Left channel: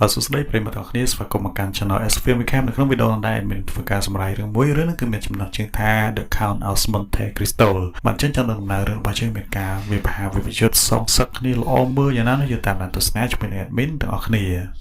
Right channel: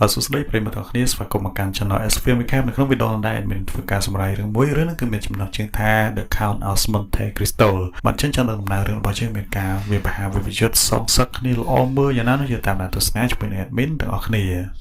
បាទសួស្តីប្រិយមិត្តទាំងអស់គ្នាស្វាគមន៍មកកាន់ Channel SFM Recap នៅក្នុងវីដេអូនេះមានធ្វើការសម្រាយរឿងមួយរឿងគឺមានចំណាត់ជើងថា The Count of Monte Cristo បានចេញចំណាត់ដំណើររឿងរបស់យើងមានការវាបហាវិវយុទ្ធសងសឹកគ្នាល្អមើលយ៉ាងណានោះយើងតាមដានទស្សនាជាមួយនឹង admin ទាំងអស់គ្ន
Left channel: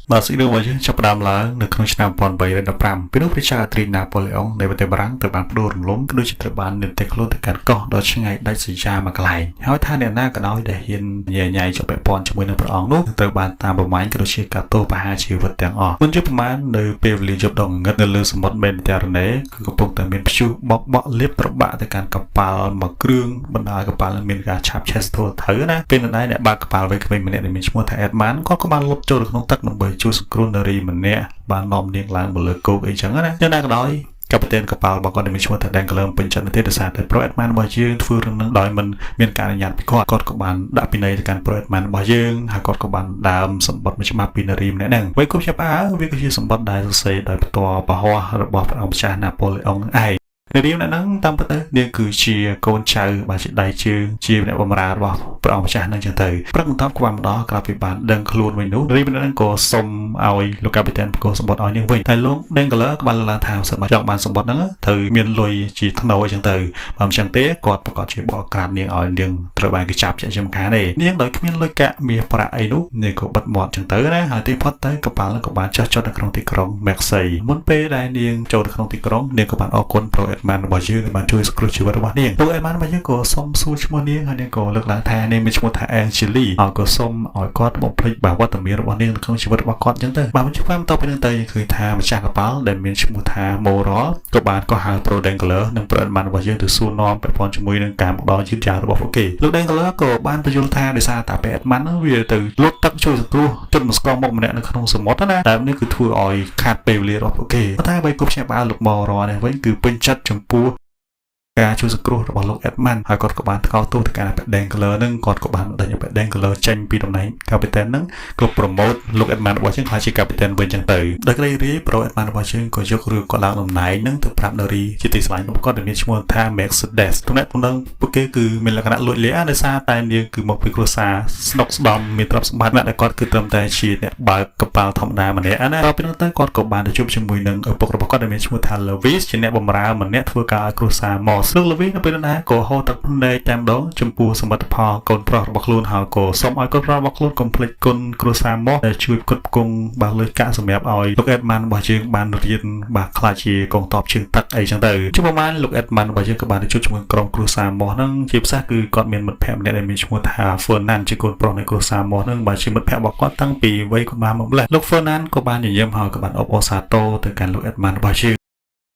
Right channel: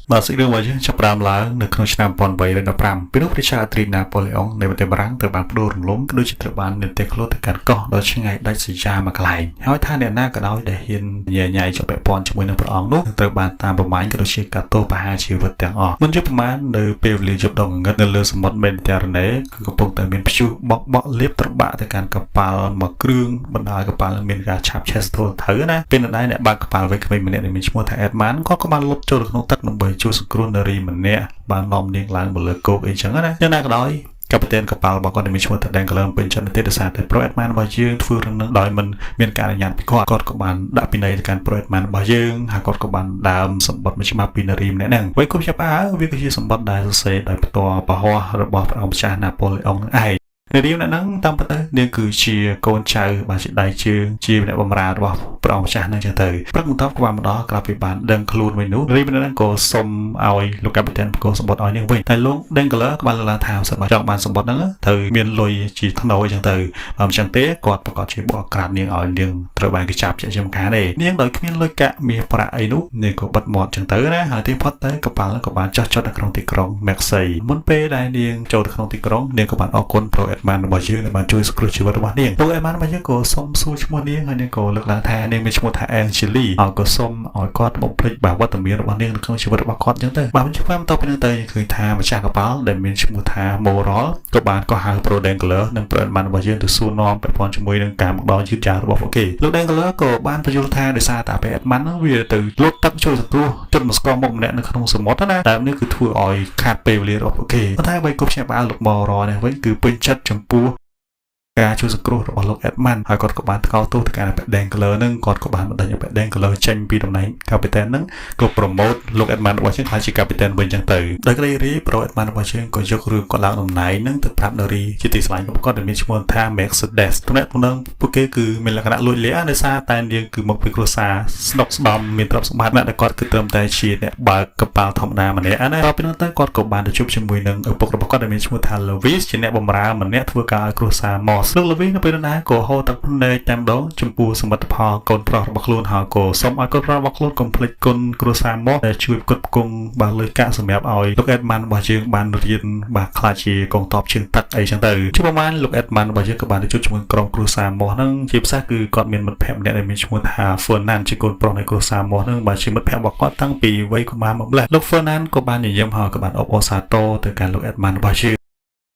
ាបាទស៊ីរីរបស់យើងចាប់ផ្ដើមឡើងនៅក្នុងឆ្នាំ1815ពេលនោះព្រះចៅត្រីណាប៉ូឡេអុងនៃប្រទេសបារាំងត្រូវបានផ្ដួលរំលំក៏ដូចជាត្រូវបាននៅតែខ្លួនទៅកាន់កោះដ៏ឆ្ងាយដាច់ស្រយាលមួយកន្លែងហើយថាអ្នកណាក៏ដោយដែលហ៊ានញ៉ៃជាប់ពាក់ព័ន្ធជាមួយនឹងព្រះអង្គនោះត្រូវបានតាមប្រមាញ់ក៏ដូចជាកាត់ទោសប្រហារជីវិតទាំងអស់មិនយល់ប្រមាណនៅពេលវេលាយប់ដ៏ងងឹតនៅលើសមុទ្រមេឌីតេរ៉ាណេគឺកំពុងតែមានព្យុះបក់លាបត្របាក់ទៅកាន់កប៉ាល់មួយគ្រឿងបណ្ដាលកប៉ាល់មានការឆាបឆេះស្ទល់ទៅណាពេលនៅដែរអ្នកបើកកប៉ាល់វ័យក្មេងម្នាក់ដែលមានឈ្មោះថាអេដម៉ានគាត់ក៏បានលុបចូលទៅក្នុងទឹកដើម្បីជួយសង្គ្រោះនារីម្នាក់បាននាំនាងឡើងមកលើគោកអីចឹងណានៅណាក៏ដោយកប៉ាតេនកប៉ាល់របស់គាត់ដែលមានឈ្មោះថា Dangler ពេញចិត្តទេដោយសារតែ Pro Adman របស់យើងធ្វើរឿងនឹងដោយមិនមានការអនុញ្ញាតពីគាត់ក៏បានដាក់ពិន័យទៅកាន់ Pro Adman របស់យើងហើយគាត់ក៏បានដើមសម្បត្តិមួយច្បាប់ពីនារីម្នាក់ហ្នឹងវិញគុំចាប់វាក៏ជាសម្បត្តិដែលសរសេរដោយផ្ទាល់ពហោះរបស់ព្រះអង្គម្ចាស់ណាប៉ូឡេអុងនឹងឯងនារីម្នាក់ហ្នឹងតាមពិតទៅនាងគឺជាកូនចៅបាទជាដៃជើងជាអ្នកបម្រើរបស់ព្រះអង្គម្ចាស់ហ្នឹងចឹងទៅព្រឹកបន្ទាប់ក៏បានម្ដងក្រោយពីបានដឹងខ្លួនវិញនោះនារីម្នាក់ហ្នឹងក៏សុំឲ្យលោកកាពីតែនបកសម្បត្តិឲ្យនាងវិញតែលោក Dangler ក៏បានលើកឡើងថាសម្រាប់ចង់បានសម្បត្តិហ្នឹងត្រូវមានលុយជាថ្នូរចឹងទៅបើមិនចឹងទេគាត់ប្រកាសជាបកក្រាបនាងឲ្យនាងត្រូវបានគេចាប់ជាចំការទេនាងដោយគ្មានលុយកាក់មាសប្រាក់អីនោះនាងក៏បិទមាត់ចឹងទៅណាហើយទីផុតទៅកប៉ាល់ក៏បានចុះចតនៅក្នុងទីក្រុង Marseille មុនពេលដែលនាងចូលទៅក្នុងទីក្រុងនាងក៏បានអរគុណ Pro Adman របស់យើងបានជួយសង្គ្រោះជីវិតរបស់នាង Pro Adman របស់យើងក៏សុំសួរឈ្មោះនាងហើយនាងក៏លើកឡើងថានាងមានឈ្មោះថា Angeli ហើយក៏សុំឲ្យគាត់បំភ្លេចបាវត្តមានរបស់នាងក្នុងជីវិតរបស់គាត់ចឹងទៅបាទខ្ញុំបន្តពីនេះទៅឃើញថាម្ចាស់កប៉ាល់ដែលមានឈ្មោះថា Moral ក៏បានក៏ហៅ Pro Dangler និង Pro Adman របស់យើងទៅសួរនាំពាក់ព័ន្ធជាមួយនឹងការមកដល់យឺតយ៉ាវរបស់ពួកគេលោក Dangler ក៏បានបញ្យល់ថាដោយសារតែ Pro Adman ហ្នឹងវាទៅលុតទឹកជួយសង្គ្រោះជនមកស្គមមុខម្នាក់នៅក្នុងសមុទ្រណាតែនេះគឺធ្វើឲ្យខាតពេលវេលារបស់ពួកគេតែបើក៏ខ្ញុំបានលោក Moral នេះវិញគឺពេញចិត្តចំពោះការជួយសង្គ្រោះរបស់លោក Adman ហើយគាត់ក៏បានថ្កោលទោសទៅកាន់ Dangler នឹងគាត់ក៏បានបណ្ដេញ Dangler ចេញពីតំណែងកាពីតែននឹងក៏ប្រម៉ូតលោក Adman របស់យើងថាជាកាពីតែនវិញចឹងទៅដល់គ្រារី Pro Adman របស់យើងក៏យករឿងគាត់ឡើងតំណែងនឹងទៅប្រាប់នារីជាទីស្រឡាញ់របស់គាត់ដែលមានឈ្មោះថា Mercedes តំណែងពួកគេគឺមានលក្ខណៈលួចលាដោយសារតែយើងគឺមកពីគ្រួសារស្នុកស្ដំមានទ្រព្យសម្បត្តិដែលគាត់គឺត្រឹមតែជាអ្នកបើកកប៉ាល់ធម្មតាម្នាក់ណាតទៅពីនោះទៅគាត់ក៏បានទៅជួបជាមួយនឹងឪពុករបស់គាត់ដែលមានឈ្មោះថា Louis ជាអ្នកបម្រើម្នាក់ធ្វើការឲ្យគ្រួសារមកซึ่ง Louis នៅពេលណាក៏ហៅទឹកភ្នែកតែម្ដងចំពោះសមិទ្ធផលកូនប្រុសរបស់ខ្លួនហើយក៏សូមឲ្យកូនប្រុសរបស់ខ្លួនកុំភ្លេចគុណគ្រួសារមកដែលជួយផ្គត់ផ្គង់បានលុយកាក់សម្រាប់ឲ្យលោក Adman របស់យើងបានរៀនបានខ្លាចជាកងទ័ពជើងទឹកអីចឹងទៅជួបប្រហែលលោក Adman របស់យើងក៏បានទៅជួបជាមួយក្រុមគ្រួសារមកហ្នឹងជាពិសេសគឺគាត់មានមិត្តភក្តិម្នាក់ដែលមានឈ្មោះថា Fernand ជាកូនប្រុសនៃគ្រួសារមកហ្នឹងបើជាមិត្តភក្តិរបស់គាត់តាំងពីវ័យកុមារមកម្ល៉េះលោក Fernand ក៏បានញញឹមហើយក៏បានអបអរសាទរទៅកាន់លោក Adman របស់យើ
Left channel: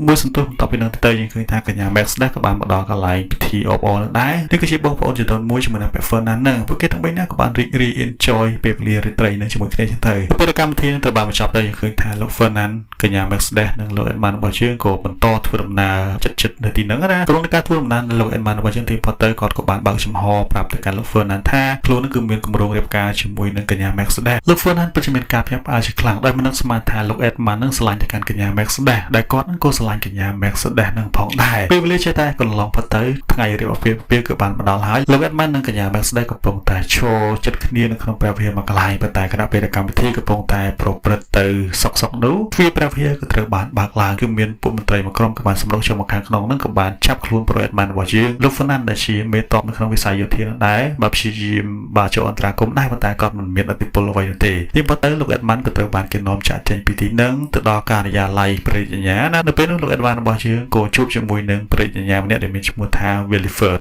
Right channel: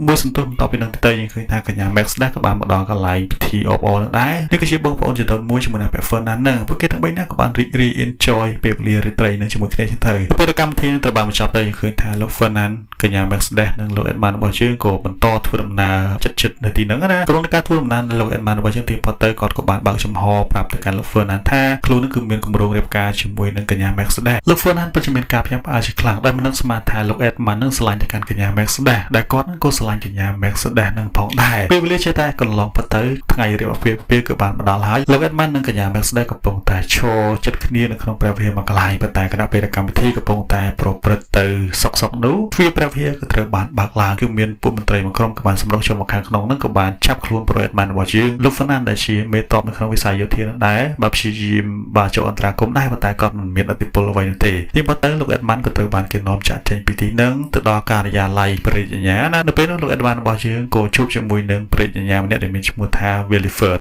ងមួយសន្ទុះបន្ទាប់ពីនឹងទៅយើងឃើញថាកញ្ញា Mercedes ក៏បានមកដល់កន្លែងពិធីអបអរដែរនេះគឺជាបងប្អូនជាធំមួយជាមួយនឹង Fernand ហ្នឹងពួកគេទាំងបីនាក់ក៏បានរីករាយ enjoy ពេលវេលារាត្រីនេះជាមួយគ្នាចឹងទៅពេលកម្មវិធីនឹងត្រូវបានបញ្ចប់ទៅយើងឃើញថាលោក Fernand កញ្ញា Mercedes និងលោក Adman របស់យើងក៏បន្តធ្វើដំណើរចិត្តនៅទីហ្នឹងណាក្នុងការធ្វើដំណើរលោក Adman របស់យើងទីផុតទៅគាត់ក៏បានបើកចំហប្រាប់ទៅកាន់លោក Fernand ថាខ្លួននឹងគឺមានគម្រោងរៀបការជាមួយនឹងកញ្ញា Mercedes លោក Fernand ពិតជាមានការភ្ញាក់ផ្អើលជាខ្លាំងដោយមិនដឹងស្មានថាលោក Adman នឹងស្រឡាញ់ទៅកាន់កញ្ញា Mercedes ដែលគាត់ក៏ស្រឡាញ់កញ្ញា Mercedes នឹងផងដែរពេលវេលាចេះតែកន្លងផុតទៅថ្ងៃរៀបអាពាហ៍ពិពាហ៍គឺបានមកដល់ហើយលោក Adman និងកញ្ញា Mercedes កំពុងតែឈរចិត្តគ្នានៅក្នុងព្រះវិហារមួយកន្លែងប៉ុន្តែគណៈពេលកម្មវិធីកំពុងតែប្រព្រឹត្តទៅសុកនោះទ្វារព្រះវិហារក៏ត្រូវបានបើកឡើងគឺមានពួកមន្ត្រីមួយក្រុមក៏បានសម្រុះចូលមកខាងក្នុងនឹងក៏បានចាប់ខ្លួន Pro Adman របស់យើងលោក Fernand ដែលជាមេតបនៅក្នុងវិស័យយោធាដែរបាទព្យាយាមបាទចូលអន្តរាគមន៍ដែរប៉ុន្តែគាត់មិនមានឥទ្ធិពលអ្វីនោះទេទីបំផុតទៅលោក Adman ក៏ត្រូវបានគេនាំចាក់ចេញពីទីនឹងទៅដល់ការិយាល័យព្រះរាជអាជ្ញាណានៅពេលនោះលោក Adman របស់យើងក៏ជួបជាមួយនឹងព្រះរាជអាជ្ញាម្នាក់ដែលមានឈ្មោះថា Williford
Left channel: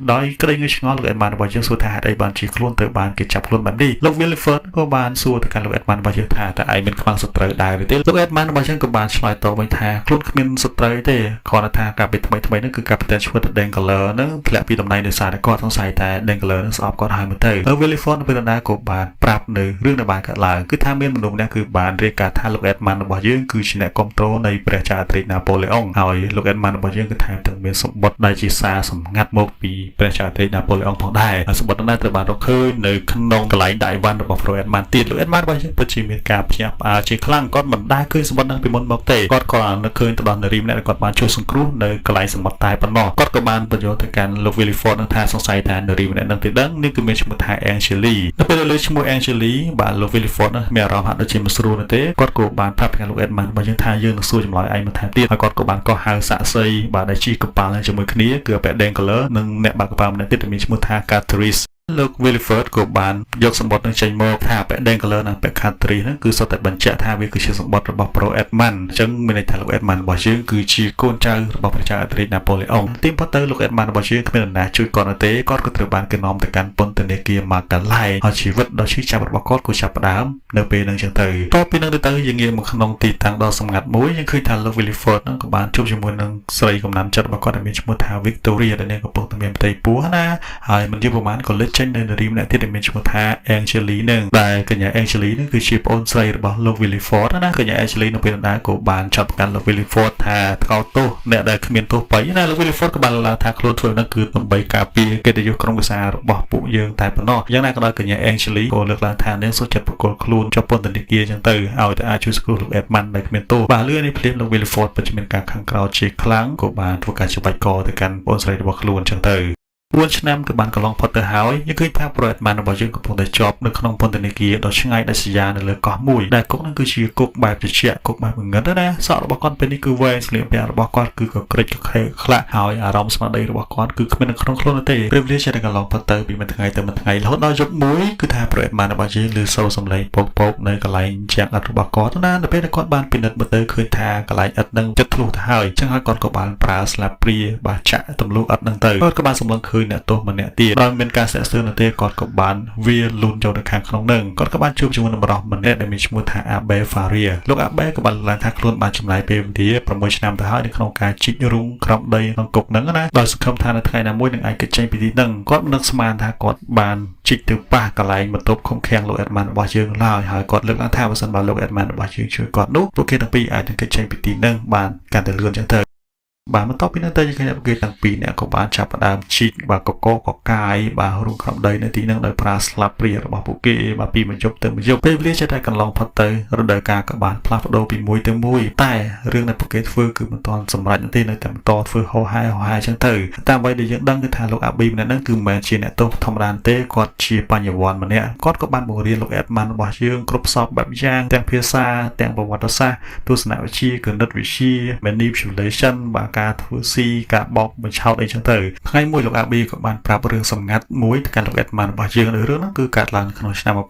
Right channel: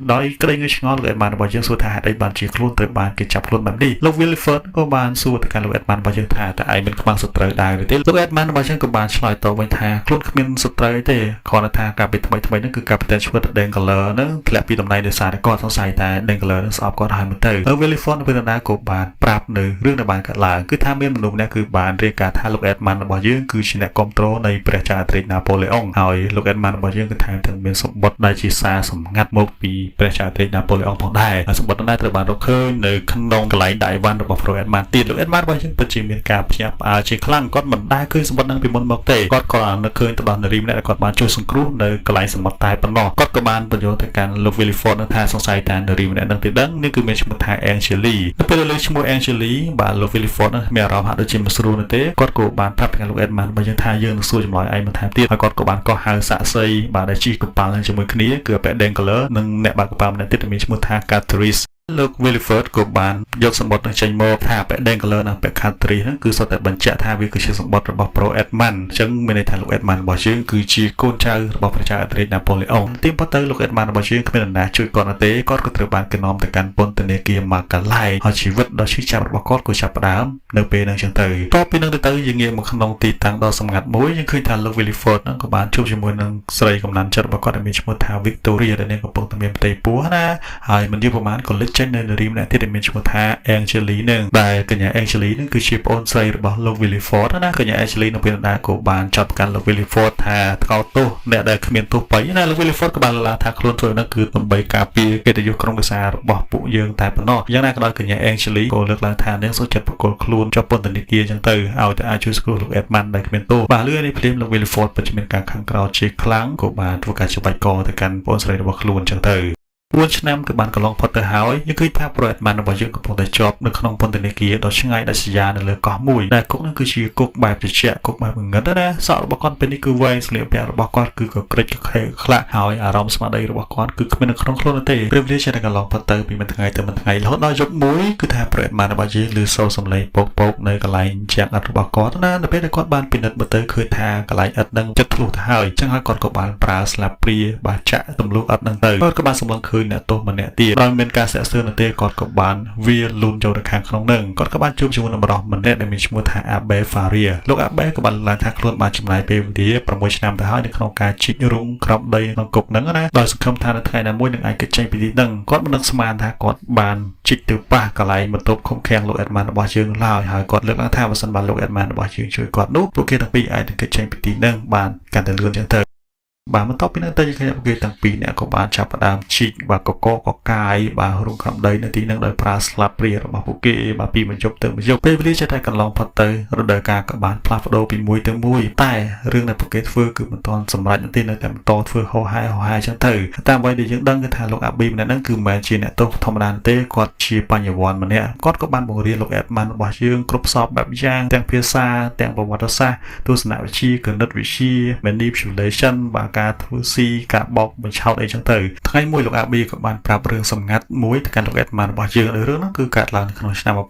ដោយក្តីងឆ្ងល់លោក Adman របស់យើងសួរថាហេតុអីបានជាខ្លួនទៅបានគេចាប់ខ្លួនបាននេះលោក Williford ក៏បានសួរទៅកាន់លោក Adman របស់យើងថាតើឯងមានខ្មាំងសត្រូវដែរទេលោក Adman របស់យើងក៏បានឆ្លើយតបវិញថាខ្លួនគ្មានសត្រូវទេគ្រាន់តែថាការពីថ្មីហ្នឹងគឺការពិតឈ្មោះថា Dangler ហ្នឹងធ្លាក់ពីតំណែងដោយសារតែគាត់សង្ស័យថា Dangler នឹងស្អប់គាត់ហើយមកទៅហើយ Williford នៅពេលណាក៏បានប្រាប់នៅរឿងដែលបានកើតឡើងគឺថាមានមនុស្សម្នាក់គឺបានរាយការណ៍ថាលោក Adman របស់យើងគឺជាអ្នកគ្រប់គ្រងនៃព្រះចៅអាត្រិកណាប៉ូឡេអុងហើយលោក Adman របស់យើងគឺថាទាំងមានសម្បត្តិដែលជាសារសម្ងាត់មកពី ព្រះចៅទេណាប៉ូឡេអុងផងដែរសម្បត្តិនោះត្រូវបានរកឃើញនៅក្នុងកន្លែងដៃវ៉ាន់របស់លោកអេតម៉ាន់ទៀតលោកអេតម៉ាន់បើយើងពិតជាមានការភ្ញាក់ផ្អើលជាខ្លាំងគាត់មិនដែលឃើញសម្បត្តិនឹងពីមុនមកទេគាត់ក៏នឹកឃើញទៅដល់នារីម្នាក់ដែលគាត់បានជួយសង្គ្រោះនៅកន្លែងសមុទ្រតែប៉ុណ្ណោះគាត់ក៏បានបញ្យល់ទៅកាន់លោក Willy Ford នឹងថាសង្ស័យថានារីម្នាក់នឹងទីដឹងនេះគឺមានឈ្មោះថា Angeli ទៅពេលលើឈ្មោះ Angeli បាទលោក Willy Ford នឹងមានអារម្មណ៍ហាក់ដូចជាមិនស្រួលនោះទេគាត់ក៏បានប្រាប់ទៅកាន់លោក Edmund បើយើងថាយើងនឹងសួរចម្លើយឯងបន្ថែមទៀតហើយគាត់ក៏បានកោះហៅសាក់សីបាទដែលជីកកប៉ាល់ជាមួយគ្នាគឺបែកដេង color និងអ្នកបាក់កប៉ាល់ម្នាក់ទៀតមានឈ្មោះថា Catriceលោក Wilford ក៏បានយកសម្បត្តិនឹងចេញមកថាបែកដេង color និងបែក Catrice ហ្នឹងគឺសុទ្ធតែបញ្ជាក់ថាវាគឺជាសម្បត្តិរបស់ Pro Edmund អញ្ចឹងមានន័យថាលោក Edmund របស់យើងគឺជាកូនចៅរបស់ព្រះចៅអេត្រិច Napoleon ទីប៉ុន្តែលោក Edmund របស់យើងគ្មាននរណាជួយគាត់នោះទេគាត់ក៏ត្រូវបានគេនាំទៅកាន់ពន្ធនាគារ Magalhae ហើយជីវិតដ៏ឈឺចាប់របស់គាត់ក៏ចាប់ផ្ដើមនៅពេលហ្នឹងអញ្ចឹងទៅតទៅពីហ្នឹងទៅយើងងាកមកក្នុងទីតាំងដ៏សម្ងាត់មួយយើងឃើញថាលោក Wilford ហ្នឹងក៏បានជួបជាមួយនឹងស្រីកំណានចិត្តរបស់គាត់ដែលមានឈ្មោះថា Victoria ដែលកំពុងតែមានផ្ទៃពោះណាហើយមិនយូរប៉ុន្មានក៏លេចចេញនៅនារីម្នាក់ទៀតដែលមានឈ្មោះថា Angeli នឹងដែលកញ្ញា Angeli នឹងគឺជាប្អូនស្រីរបស់លោក Willy Ford ណាកញ្ញា Angeli នៅពេលណាក៏បានចាប់កាន់លោក Willy Ford ថាថ្កោលទោសអ្នកដែលគ្មានទោសបីណាលោក Willy Ford ក៏បានលើកថាខ្លួនធ្វើនោះគឺដើម្បីការពារកិត្តិយសក្រុមគ្រួសាររបស់ពួកយើងតែប៉ុណ្ណោះយ៉ាងណាក៏ដោយកញ្ញា Angeli ក៏លើកឡើងថានាងសុខចិត្តប្រកល់ខ្លួនជាប់ពន្ធនាគារអញ្ចឹងទៅឲ្យតែអាចជួយសង្គ្រោះលោក Edmund ដែលគ្មានទោសបាទលឿននេះភ្លាមលោក Willy Ford ពិតជាមានការខឹងក្រោធជាខ្លាំងក៏បានធ្វើការច្បាច់កទៅកាន់ប្អូនស្រីរបស់ខ្លួនអញ្ចឹងទៅ4ឆ្នាំក៏បានកន្លងផុតទៅហើយយើងឃើញថាប្រវត្តិរបស់យើងកំពុងតែជាប់នៅក្នុងពន្ធនាគារដ៏ឆ្ងាយដាច់ស្រយាលនៅលើកោះមួយដែលគុកនោះគឺជាគុកបែបត្រជាក់គុកបែបងងឹតណាសក់របស់គាត់ពេលនេះគឺវែងស្លៀកពាក់របស់គាត់គឺក៏ក្រិចក្ខេខ្លាក់ហើយអារម្មណ៍ស្មារតីរបស់គាត់គឺគ្មាននៅក្នុងខ្លួនទេពេលវេលាចេះតែកន្លងផុតទៅពីមួយថ្ងៃទៅមួយថ្ងៃរហូតដល់យប់មួយគឺថាប្រវត្តិរបស់យើងលើសូរសំឡេងពកនៅកន្លែងជាងឥដ្ឋរបស់គាត់ណាដល់ពេលគាត់បានពិនិត្យមើលទៅឃើញថាកន្លែងឥដ្ឋនឹងចិត្តធ្លុះទៅហើយអញ្ចឹងហើយគាត់ក៏បានប្រើស្លាបព្រាបាចាក់ទម្លុះឥដ្ឋនឹងទៅគាត់ក៏បានសម្លឹងឃើញអ្នកទោសម្នាក់ទៀតដោយមានការស្ទាក់ស្ទើរនៅទេគាត់ក៏បានវាលូនចូលទៅខាងក្នុងនឹងគាត់ក៏បានជួបជាមួយនឹងបរិសម្នាក់ដែលមានឈ្មោះថា Abe Faria លោក Abe ក៏បានលើកថាខ្លួនបានចំណាយពេលវេលា6ឆ្នាំទៅហើយនៅក្នុងការជីករុំក្រោមដីក្នុងគុកហ្នឹងណាដោយសង្ឃឹមថានៅថ្ងៃណាមួយនឹងអាចគេចេញពីទីហ្នឹងគាត់មិននឹកស្មានថាគាត់បានជីកទៅប៉ះកន្លែងបន្ទប់ឃុំឃាំងលោក Edmund របស់យើងឡើយហើយគាត់លើកឡើងថាបើសិនបើលោក Edmund របស់យើងជួយគាត់នោះពួកគេទាំងពីរអាចនឹងគេចេញពីទីហ្នឹងបានកាន់តែលឿនជាងទៅបាទបន្ទាប់ពីនោះទៅយើងឃើញគេទាំងពីរអ្នកក៏បានចាប់ផ្ដើមជីកបាទកកកាយបាទរងក្រំដីនៅទីហ្នឹងដោយប្រើស្លាបព្រារបស់ពួកគេបាទពីមួយយប់ទៅមួយយប់ពេលវេលាចេះតែកន្លងផុតទៅរដូវកាលក៏បានផ្លាស់ប្ដូរពីមួយទៅមួយតែរឿងដែលពួកគេធ្វើគឺមិនទាន់សម្រេចទេនៅតែបន្តធ្វើហោហែអញ្ចឹងទៅតាមអ្វីដែលយើងដឹងគឺថាលោកអាប៊ីម្នាក់ហ្នឹងគឺមិនមែនជាអ្នកទោសធម្មតាទេគាត់ជាបញ្ញវន្តម្នាក់គាត់ក៏បានបង្រៀនលោក Edmund របស់យើងគ្រប់សពបែបយ៉ាងទាំងភាសាទាំងប្រវត្តិសាស្ត្រទស្សនវិជ្ជាគណិតវិទ្យា manipulation បាទការធ្វើស៊ីការបោកបញ្ឆោតអីចឹងទៅថ្ងៃមួយលោកអាប៊ីក៏បានប្រាប់រឿងសម្ងាត់មួយទៅកាន់លោក Edmund របស់យើងរឿងហ្នឹងគឺកើតឡើងក្នុងឆ្នាំ1307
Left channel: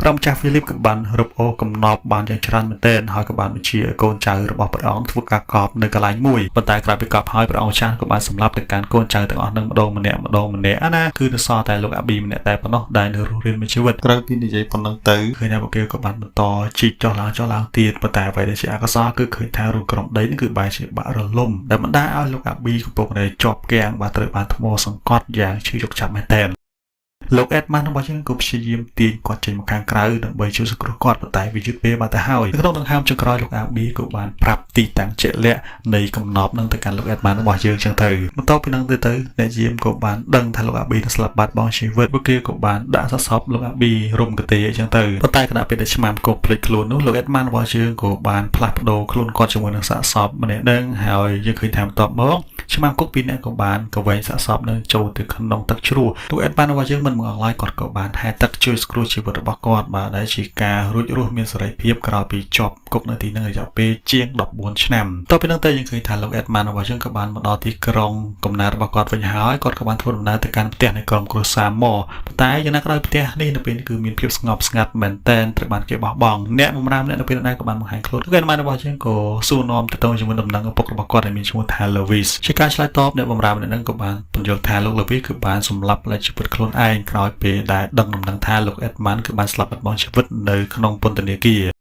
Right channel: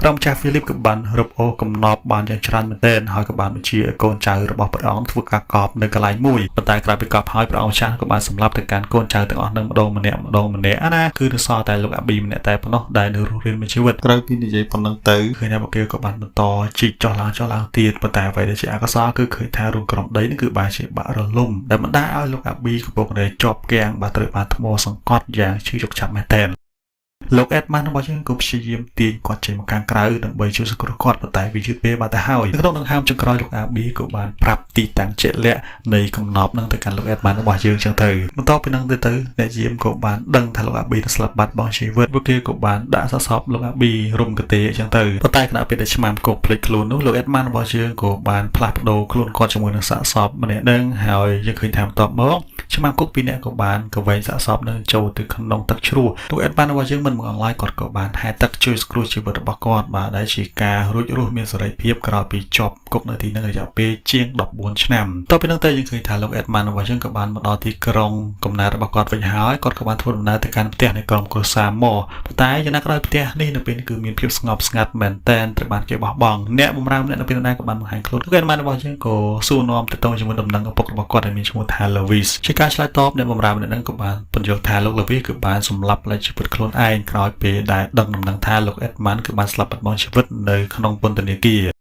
ព្រះម្ចាស់ Philip ក៏បានរឹបអូសកំណប់បានយ៉ាងច្រើនមែនទែនហើយក៏បានបញ្ជាកូនចៅរបស់ព្រះអង្គធ្វើការកប់នៅកន្លែងមួយប៉ុន្តែក្រោយពីកប់ហើយព្រះអង្គម្ចាស់ក៏បានសម្លាប់ទៅកាន់កូនចៅទាំងអស់នឹងម្ដងម្នាក់ណាគឺនៅសល់តែលោកអាប៊ីម្នាក់តែប៉ុណ្ណោះដែលនៅរស់រានមានជីវិតក្រោយពីនិយាយប៉ុណ្ណឹងទៅឃើញថាពួកគេក៏បានបន្តជីកចុះឡើងទៀតប៉ុន្តែអ្វីដែលជាអកុសលគឺឃើញថារូបក្រុមដីនេះគឺបែរជាបាក់រលំដែលបណ្ដាលឲ្យលោកអាប៊ីកំពុងតែជាប់គាំងបាទត្រូវបានថ្មសង្កត់យ៉ាងឈឺយកចាប់មែនទែនលោក Edmund របស់យើងក៏ព្យាយាមទាញគាត់ចេញមកខាងក្រៅដើម្បីជួយសង្គ្រោះគាត់ប៉ុន្តែវាយឺតពេលមកទៅហើយក្នុងដង្ហើមចុងក្រោយលោកអាប៊ីក៏បានប្រាប់ទីតាំងជាក់លាក់នៃកំណប់នឹងទៅកាន់លោក Edmund របស់យើងចឹងទៅបន្ទាប់ពីនឹងទៅអ្នកយាមក៏បានដឹងថាលោកអាប៊ីនឹងស្លាប់បាត់បង់ជីវិតពួកគេក៏បានដាក់សាកសពលោកអាប៊ីរុំកទេចឹងទៅប៉ុន្តែខណៈពេលដែលឆ្មាំគុកភ្លេចខ្លួននោះលោក Edmund របស់យើងក៏បានផ្លាស់ប្ដូរខ្លួនគាត់ជាមួយនឹងសាកសតម្នាក់នឹងហើយយើងឃើញថាបន្ទាប់មកឆ្មាំគុកពីរនាក់ក៏បានកវែងសាកសពនឹងចូលទៅក្នុងទឹកជ្រោះលោក Edmund របស់យើងមិនមកអង្លាយគាត់ក៏បានហែទឹកជួយសង្គ្រោះជីវិតរបស់គាត់បាទដែលជាការរួចរស់មានសេរីភាពក្រោយពីជាប់គុកនៅទីនោះរយៈពេលជាង14ឆ្នាំតទៅពីនោះទៅយើងឃើញថាលោក Edmund របស់យើងក៏បានមកដល់ទីក្រុងកំណើតរបស់គាត់វិញហើយគាត់ក៏បានធ្វើដំណើរទៅកាន់ផ្ទះនៃក្រុមគ្រួសារមកប៉ុន្តែយ៉ាងណាក្រោយផ្ទះនេះនៅពេលគឺមានភាពស្ងប់ស្ងាត់មែនទែនត្រូវបានគេបោះបង់អ្នកបម្រើម្នាក់នៅពេលណាក៏បានបង្ហាញខ្លួនលោក Edmund របស់យើងក៏សួរនាំទៅទៅជាមួយដំណឹងឪពុករបស់គាត់ដែលមានឈ្មោះថា Louis ជាការឆ្លើយតបអ្នកបម្រើម្នាក់ហ្នឹងក៏បានបញ្យល់ថាលោក Louis គឺបានសម្លាប់លើជីវិតខ្លួនឯងក្រោយពេលដែលដឹងដំណឹងថាលោក Edmund គឺបានស្លាប់បាត់បង់ជីវិតនៅក្នុងពន្ធនាគារ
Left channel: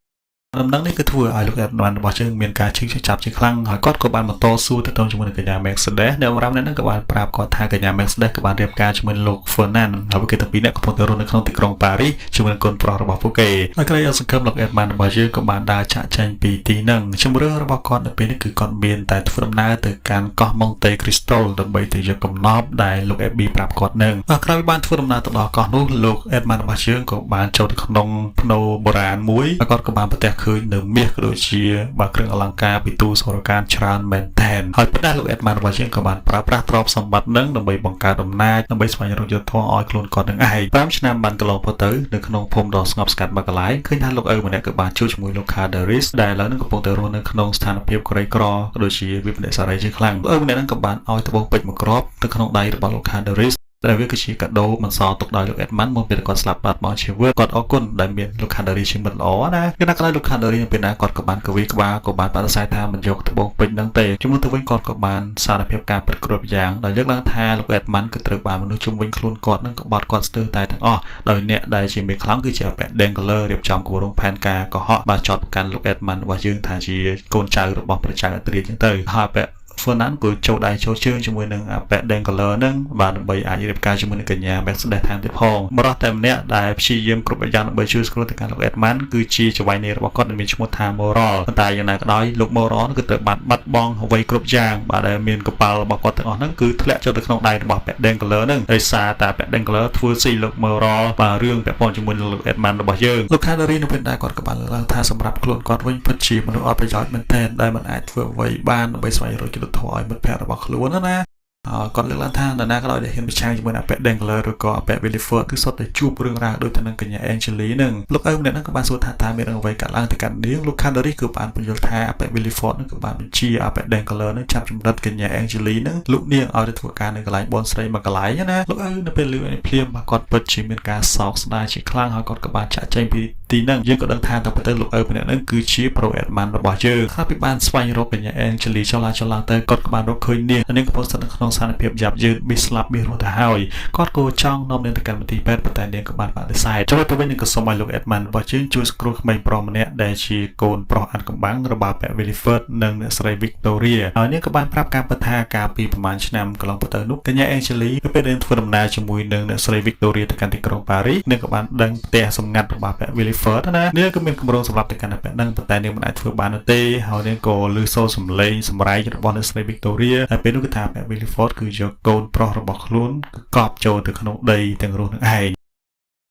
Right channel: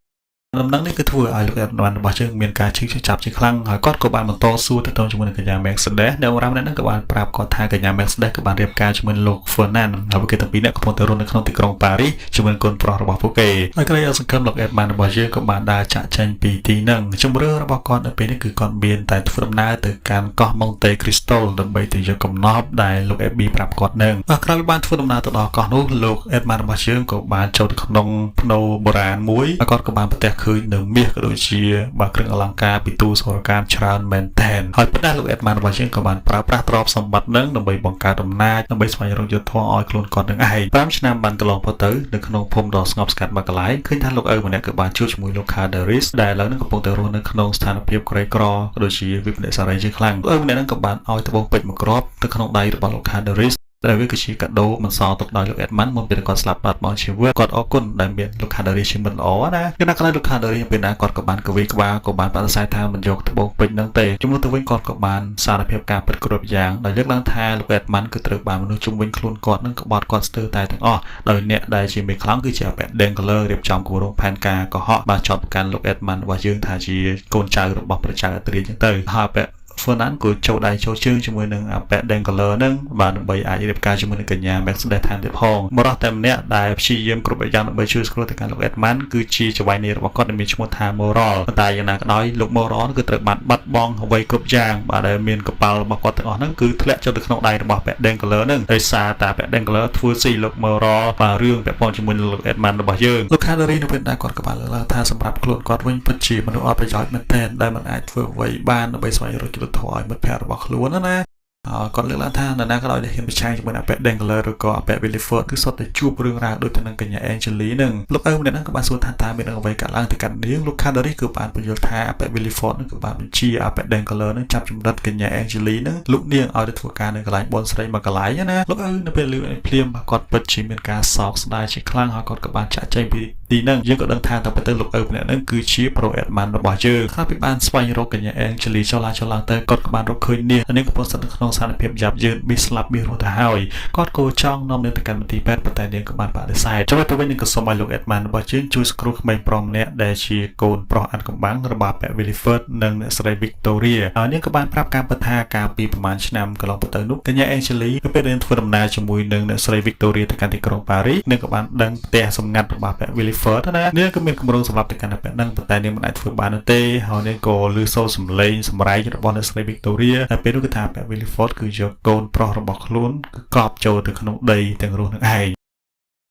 ដំណឹងនេះគឺធ្វើឲ្យលោកអេតបានរបស់យើងមានការឈឺចាប់ជាខ្លាំងហើយគាត់ក៏បានបន្តស៊ូទៅទៅជាមួយនឹងកញ្ញា Mercedes ដែលបរិមាណហ្នឹងក៏បានប្រាប់គាត់ថាកញ្ញា Mercedes ក៏បានរៀបការជាមួយលោក Fernand ហើយគេទាំងពីរនាក់កំពុងតែរស់នៅក្នុងទីក្រុងប៉ារីសជាមួយនឹងកូនប្រុសរបស់ពួកគេហើយក្រោយអសង្ឃឹមលោកអេតបានរបស់យើងក៏បានដើរចាក់ចែងពីទីហ្នឹងជំរឿរបស់គាត់នៅពេលនេះគឺគាត់មានតែធ្វើដំណើរទៅកាន់កោះ Monte Cristo ដើម្បីទៅយកកំណប់ដែលលោក AB ប្រាប់គាត់ហ្នឹងក្រោយពីបានធ្វើដំណើរទៅដល់កោះនោះលោកអេតបានរបស់យើងក៏បានចូលទៅក្នុងភ្នូបុរាណមួយហើយគាត់ក៏បានប្រទះឃើញនៅមាសក៏ដូចជាបាទគ្រឿងអលង្ការពីទូសរកម្មច្រើនមែនទែនហើយប៉ុន្តែលោកអេតម៉ានរបស់យើងក៏បានប្រើប្រាស់ទ្រព្យសម្បត្តិនឹងដើម្បីបង្កើតអំណាចដើម្បីស្វែងរកយុត្តិធម៌ឲ្យខ្លួនគាត់នឹងឯង5ឆ្នាំបានកន្លងផុតទៅនៅក្នុងភូមិដ៏ស្ងប់ស្ងាត់មួយកន្លែងឃើញថាលោកឪម្នាក់ក៏បានជួបជាមួយលោក Calderis ដែលឥឡូវនេះកំពុងតែរស់នៅក្នុងស្ថានភាពក្រីក្រក៏ដូចជាវិបត្តិសារីជាខ្លាំងឪម្នាក់នឹងក៏បានឲ្យត្បូងពេជ្រមួយគ្រាប់ទៅក្នុងដៃរបស់លោក Calderis ដែលវាគឺជាកាដូមិនសល់ទុកដោយលោកអេតម៉ាន់មុនពេលគាត់ស្លាប់បាត់បង់ជីវិតគាត់អរគុណដែលមានលោក Calderis ជាមិត្តល្អណាគឺដល់ក្រោយលោក Calderis ពេលណាគាត់ក៏បានកវីក្បាលក៏បានបដិសេធថាមិនយកត្បូងពេជ្រហ្នឹងទេជំនួសទៅវិញគាត់ក៏បានសារភាពការពិតគ្រប់យ៉ាងដោយលើកឡើងថាលោកអេតម៉ាន់គឺត្រូវបានមនុស្សជំវិញខ្លួនគាត់នឹងក្បត់គាត់ស្ទើរតែទាំងអស់ដោយអ្នកដែលជាមេខ្លាំងគឺជាអបេ Dengler រៀបចំគម្រោងផែនការកុហកបានចោទប្រកាន់លោកអេតម៉ាន់របស់យើងថាជាកូនចៅរបស់ព្រះចៅអត្រាចឹងទៅហើយបែ Fernand ក៏ចូលដៃចូលជើងជាមួយនឹងអបេ Dengler នឹងបានដើម្បីអាចរៀបការជាមួយនឹងកញ្ញា Mercedes ថែមទៀតផងបរិះតែម្នាក់ដែលព្យាយាមគ្រប់យ៉ាងដើម្បីជួយស្គាល់ទៅកាន់លោក Edmund គឺជាចៅហ្វាយនីរបស់គាត់ដែលមានឈ្មោះថា Moral តែយ៉ាងណាក៏ដោយលោក Moral គឺត្រូវបានបាត់បង់អ្វីគ្រប់យ៉ាងបាទដែលមានកប៉ាល់របស់គាត់ទាំងអស់ហ្នឹងគឺធ្លាក់ចូលទៅក្នុងដៃរបស់អបេ Dengler ហ្នឹងដោយសារតែអបេ Dengler ធ្វើស៊ីលោក Moral បាទរឿងពាក់ព័ន្ធជាមួយនឹងលោក Edmund របស់យើងលោក Calderis នៅពេលដែលគាត់ក៏បានលើកឡើងថាសម្រាប់ខ្លួនគាត់វិញពិតជាមនុស្សអត់ប្រយោជន៍មែនទែនដែលមិនអាចធ្វើអ្វីបានដើម្បីស្វែងរកយុត្តិធម៌ឲ្យមិត្តភក្តិរបស់ខ្លួនណាគាត់លើកឡើងថានរណាក៏ដោយដែលហ៊ានប្រឆាំងជាមួយអបេ Dengler ឬក៏អបេ Villefort គឺសុទ្ធតែជួបរឿងរ៉ាវដូចទៅនឹងកញ្ញា Angeli នឹងលោកឪម្នាក់ហ្នឹងក៏បានសួរថាតើមានអ្វីកើតឡើងទៅកាន់នាងលោក Calderis គឺបានបញ្យល់ថាអបេ Villefort ហ្នឹងក៏បានបញ្ជាអបេ Dengler ហ្នឹងចាប់ចម្រិតកញ្ញា Angeli ហ្នឹងលោកនាងឲ្យទៅធ្វើការនៅកន្លែងបនស្រីមួយកន្លែងណាលោកឪនៅពេលលឺភ្លាមគាត់ពិតជាមានការសោកស្ដាយជាខ្លាំងហើយគាត់ក៏បានចាក់ចែងពីទីហ្នឹងយើងក៏ដឹងថាតើទៅលោកឪម្នាក់ហ្នឹងគឺជា Pro Edmund របស់យើងហើយពីបានស្វែងរកកញ្ញា Angeli ចុះឡើងទៅគាត់ក៏បានរកឃើញនាងកំពុងស្ថិតនៅក្នុងស្ថានភាពយ៉ាប់យ៉ឺនប៊ីស្លាប់ប៊ីរស់ទៅហើយគាត់ក៏ចង់នាំនាងទៅកាន់មន្ទីរពេទ្យប៉ុន្តែនាងក៏បានបដិសេធចូលទៅវិញនឹងក៏សូមឲ្យលោក Edmund របស់យើងជួយសង្គ្រោះក្មេងប្រុសម្នាក់ដែលជាកូនប្រុសអាត់កំបាំងរបស់ប៉ែ Villefort និងអ្នកស្រី Victoria ហើយនាងក៏បានប្រាប់ការពិតថាកាលពីប្រហែលឆ្នាំកន្លងទៅនោះកញ្ញា Angeli គឺពេលនាងធ្វើដំណើរជាមួយនឹងអ្នកស្រី Victoria ទៅកាន់ទីក្រុងប៉ារីសនាងក៏បានដឹងផ្ទះសម្ងាត់របស់ប៉ែ Villefort ណានាងក៏មានគម្រោងសម្រាប់ទៅកាន់ប៉ែហ្នឹងប៉ុន្តែនាងមិនអាចធ្វើបាននោះទេហើយនាងក៏ឮសូរសំឡេងសម្រែងរបស់អ្នកស្រី Victoria ហើយពេលនោះគឺថាប៉ែ Villefort គឺយកកូនប្រុសរបស់ខ្លួនគឺកប់ចូលទៅក្នុងដីទាំងរស់នឹងឯង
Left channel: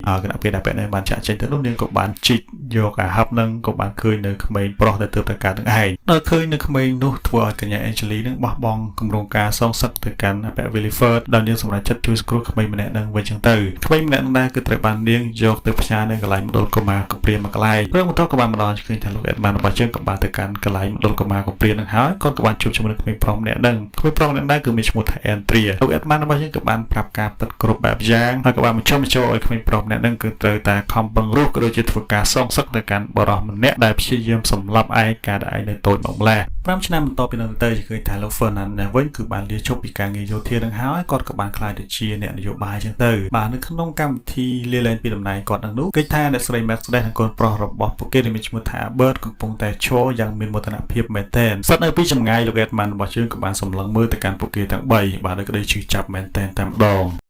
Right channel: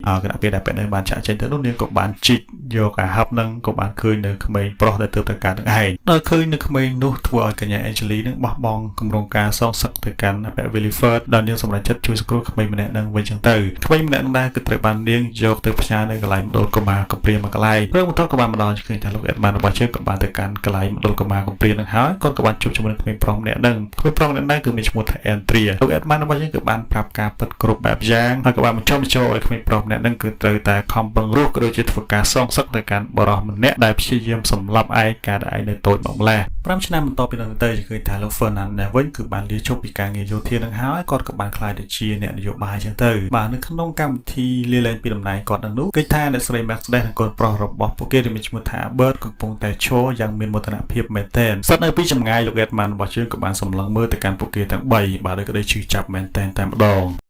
គណៈពេលដែលប៉ែនេះបានចាក់ចេញទៅនោះនាងក៏បានជីកយកអាហឹបនឹងក៏បានឃើញនៅក្មេងប្រុសដែលទើបតែកើតនឹងឯងដល់ឃើញនៅក្មេងនោះធ្វើឲ្យកញ្ញា Angeli នឹងបោះបង់គម្រោងការសងសឹកទៅកាន់ប៉ែ Villefort ដែលនាងសម្រេចចិត្តជួយសង្គ្រោះក្មេងម្នាក់នឹងវិញចឹងទៅក្មេងម្នាក់នឹងគឺត្រូវបាននាងយកទៅផ្ញើនៅកន្លែងមណ្ឌលកុមារកំព្រាមួយកន្លែងព្រឹកបន្ទាប់ក៏បានមកដល់ឃើញថាលោក Edmund របស់យើងក៏បានទៅកាន់កន្លែងមណ្ឌលកុមារកំព្រានឹងហើយគាត់ក៏បានជួបជាមួយនឹងក្មេងប្រុសម្នាក់នឹងក្មេងប្រុសម្នាក់ហ្នឹងគឺមានឈ្មោះថា Andrea លោក Edmund របស់យើងក៏បានប្រាប់ការពិតគ្រប់បែបយ៉ាងហើយក៏បានបញ្ចុះបញ្ចូលឲ្យក្មេងប្រុសម្នាក់ហ្នឹងគឺត្រូវតែខំប្រឹងរស់ក៏ដូចជាធ្វើការសងសឹកទៅកាន់បរិះម្នាក់ដែលព្យាយាមសម្លាប់ឯកាដែលឯងនៅតូចមកម្ល៉េះ5ឆ្នាំបន្ទាប់ពីនោះទៅគឺឃើញថាលោក Fernand នេះវិញគឺបានលាឈប់ពីការងារយោធានឹងហើយគាត់ក៏បានក្លាយទៅជាអ្នកនយោបាយចឹងទៅបាទនៅក្នុងកម្មវិធីលាលែងពីតំណែងគាត់នឹងនោះគឺថាអ្នកស្រី Mercedes និងកូនប្រុសរបស់ពួកគេដែលមានឈ្មោះថា Bert កំពុងតែឈរយ៉ាងមានមោទនភាពមែនទែនស្ថិតនៅពីចម្ងាយលោក Edmund របស់យើងក៏បានសម្លឹងមើលទៅកាន់ពួកគេទាំង3បាទដោយក្តីឈឺចាប់មែនទែនតែម្ដង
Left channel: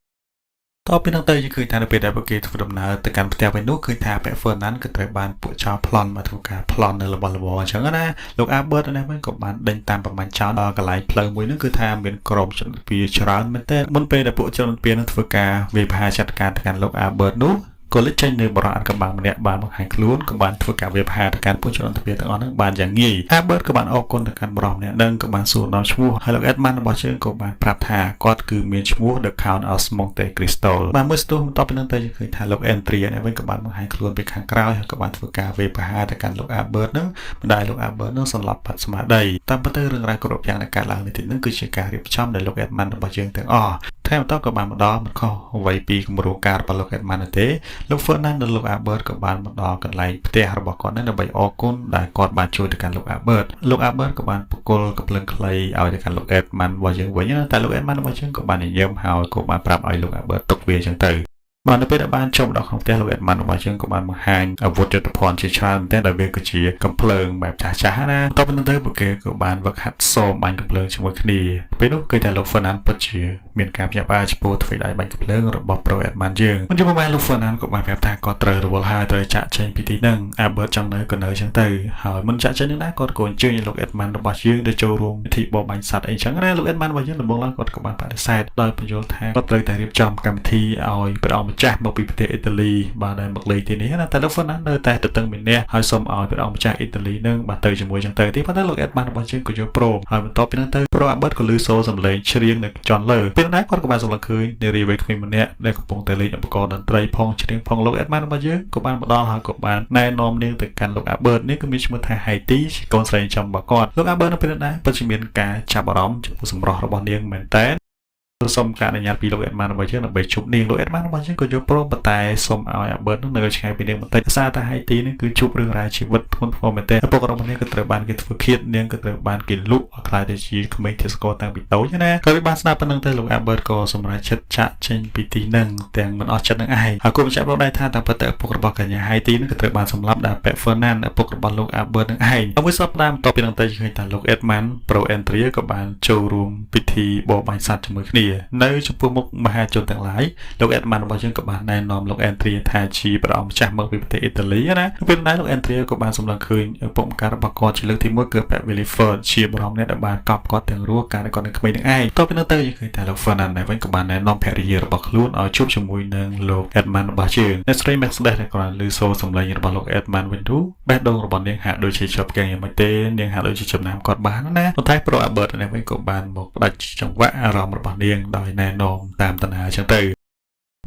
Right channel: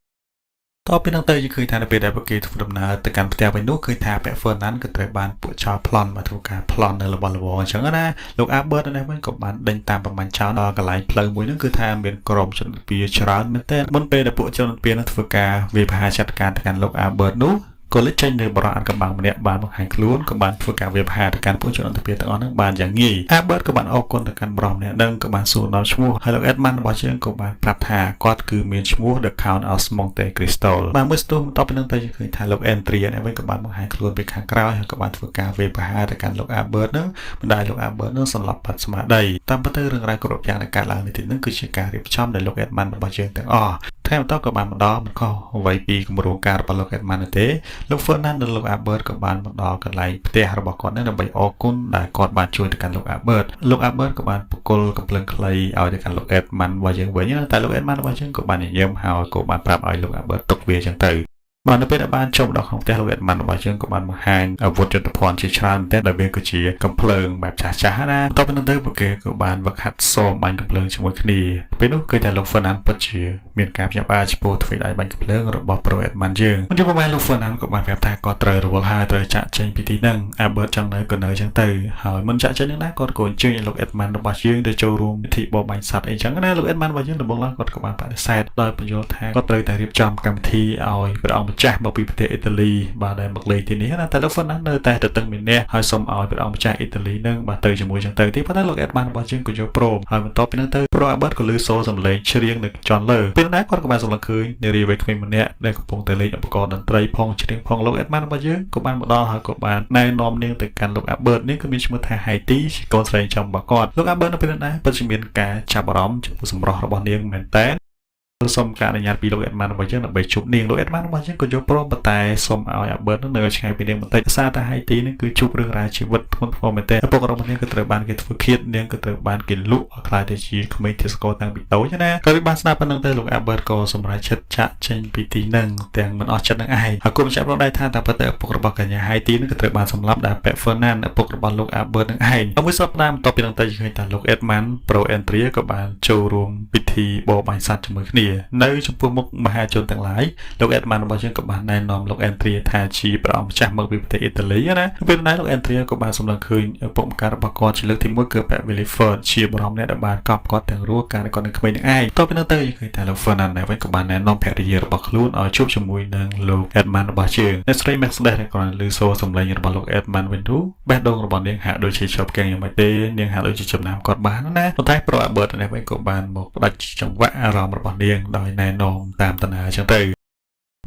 តទៅពីនោះទៅគឺឃើញថានៅពេលដែលពួកគេធ្វើដំណើរទៅកាន់ផ្ទះវិញនោះឃើញថាប៉ែ Fernand ក៏ត្រូវបានពួកចោរប្លន់មកធ្វើការប្លន់នៅរបស់របរអញ្ចឹងណាលោក Albert នេះវិញក៏បានដេញតាមប្រមាណចោរដល់កន្លែងផ្លូវមួយនោះគឺថាមានក្រុមជនពៀច្រើនមែនទែនមុនពេលដែលពួកជនពៀនឹងធ្វើការវាយប្រហារចាត់ការទៅកាន់លោក Albert នោះក៏លើកចេញនៅបរិយាកំបាំងម្នាក់បានបង្ហាញខ្លួនក៏បានធ្វើការវាយប្រហារទៅកាន់ពួកជនពៀទាំងអស់ហ្នឹងបានយ៉ាងងាយ Albert ក៏បានអរគុណទៅកាន់បរិយាម្នាក់នឹងក៏បានសួរដល់ឈ្មោះហើយលោក Edmund របស់យើងក៏បានប្រាប់ថាគាត់គឺមានឈ្មោះ The Count of Monte Cristo បានមើលស្ទុះបន្តពីនឹងទៅឃើញថាលោក Andrea នេះវិញក៏បានបង្ហាញខ្លួនពីខាងក្រោយហើយក៏បានធ្វើការវាយប្រហារទៅកាន់លោក Albert ហ្នឹងបណ្ដាលលោក Albert នោះសន្លប់បាត់ស្មារតីតាមពិតទៅរឿងរ៉ាវគ្រប់យ៉ាងដែលកើតឡើងនេះហ្នឹងគឺជាការរៀបចំដោយលោក Edmund របស់យើងទាំងអស់ថែមបន្តក៏បានមកដល់មិនខុសអ្វីពីគម្រោងការរបស់លោក Edmund ទេលោក Fernand និងលោក Albert ក៏បានមកដល់កន្លែងផ្ទះរបស់គាត់ដើម្បីអរគុណដែលគាត់បានជួយទៅកាន់លោក Albert លោក Albert ក៏បានបកគលកំភ្លើងខ្លីឲ្យទៅកាន់លោក Edmund របស់យើងវិញតែលោក Edmund របស់យើងក៏បានញញឹមហើយក៏បានប្រាប់ឲ្យលោក Albert ទុកវាអញ្ចឹងទៅ បាននៅពេលដែលបានចូលដល់ក្នុងផ្ទះលោកអេដម៉ាន់របស់យើងក៏បានបង្ហាញអាវុធយុទ្ធភ័ណ្ឌជាច្រើនតែដែលវាគឺជាកំភ្លើងបែបចាស់ៗណាបន្ទាប់ពីនោះទៅពួកគេក៏បានវឹកហាត់សមបាញ់កំភ្លើងជាមួយគ្នាពេលនោះឃើញតែលោក Fernand ពិតជាមានការព្យាបាលចំពោះទ្វេដៃបាញ់កំភ្លើងរបស់ Pro Edman យើងមិនយូរប៉ុន្មានលោក Fernand ក៏បានប្រាប់ថាគាត់ត្រូវរវល់ហើយត្រូវចាក់ចេញពីទីហ្នឹង Albert ចង់នៅក៏នៅចឹងទៅហើយមិនចាក់ចេញនឹងដែរគាត់ក៏អញ្ជើញលោក Edman របស់យើងទៅចូលរួមពិធីបបបាញ់សត្វអីចឹងណាលោក Edman របស់យើងដំបូងឡើងគាត់ក៏បានបដិសេធដោយបញ្យល់ថាគាត់ត្រូវតែរៀបចំកម្មវិធីឲ្យព្រះអង្គម្ចាស់មកពីប្រទេសអ៊ីតាលីបានដោយមកលេងទីនេះណាតែលោក Fernand នៅតែទទឹងមានអ្នកហើយសូមឲ្យព្រះអង្គម្ចាស់អ៊ីតាលីនឹងបានទៅជាមួយចឹងទៅទីប៉ុន្តែលោក Edman របស់យើងក៏យល់ព្រមហើយបន្ទាប់ពីនោះទៅ Pro Albert ក៏លឺសូរសំឡេងច្រៀងនៅចន្ទលើពេលណាគាត់ក៏បានសម្លឹងឃើញនារីវ័យក្មេងម្នាក់ដែលកំពុងតែលេងឧបករណ៍តន្ត្រីផងច្រៀងផងលោក Edman របស់យើងក៏បានមកដល់ហើយក៏បានណែនាំនាងទៅកាន់លោក Albert នេះគឺមានឈ្មោះថា Haiti ជាកូនស្រីចំរបស់គាត់លោក Albert នៅពេលនោះដែរពិតជាមានការចាប់អារម្មណ៍ចំពោះសម្រស់របស់នាងមែនតើសូមការអនុញ្ញាតពីលោក Edman របស់យើងដើម្បីជួបនាងលោក Edman របស់យើងក៏យល់ព្រមប៉ុន្តែសូមឲ្យ Albert នៅឆ្ងាយពីនាងបន្តិចសារតែ Haiti នេះគឺជួបរឿងរ៉ាវជីវិតធ្ងន់ធ្ងរមែនតើឪពុករបស់នាងក៏ត្រូវបានគេធ្វើឃាតនាងក៏ត្រូវបានគេលក់ឲ្យខ្លាយទៅជាក្មេងទេសកលតាំងពីតូចណាក៏បានស្នាប់ប៉ុណ្ណឹងទៅលោក Albert ក៏សម្រេចចិត្តចាក់ចេញពីទីហ្នឹងទាំងមិនអស់ចិត្តនឹងឯងហើយគុំចាប់រកដែរថាតាមពិតឪពុករបស់កញ្ញា Haiti នេះក៏ត្រូវបានសម្លាប់ដោយពាក់ Fernand ឪពុករបស់លោក Albert នឹងឯងមួយសប្តាហ៍បន្ទាប់ពីនឹងទៅឃើញថាលោក Edman Pro Entria ក៏បានចូលរួមពិធីបបបាញ់សត្វជាមួយគ្នានៅចំពោះមុខមហាជនទាំងឡាយលោក Edman របស់យើងក៏បានណែនាំលោក Entria ថាជាព្រះអង្គម្ចាស់មកពីប្រទេសអ៊ីតាលីណាពេលណាលោក Entria ក៏បានសម្លឹងឃើញឪពុកម្កាយរបស់គាត់ជាលើកទី1គឺប៉ា Williford ជាបរិមអ្នកដែលបានកប់គាត់ទាំងរស់កាលគាត់នៅក្មេងនឹងឯងទៅពេលនោះទៅគឺតែលោក Fernand វិញក៏បានណែនាំភរិយារបស់ខ្លួនឲ្យជួបជាមួយនឹងលោក Edman របស់យើងអ្នកស្រី Max ដែលក៏លើសូរសំឡេងរបស់លោក Edman វិញនោះបេះដូងរបស់នាងហាក់ដូចជាជាប់កែងយ៉ាងម៉េចទេនាងហាក់ដូចជាចំណាំគាត់បានណាប៉ុន្តែ Pro Albert នេះវិញក៏បានមកផ្ដាច់ចង្វាក់អារម្មណ៍របស់នាងដោយណែនាំតាមតាណាអញ្ចឹងទៅ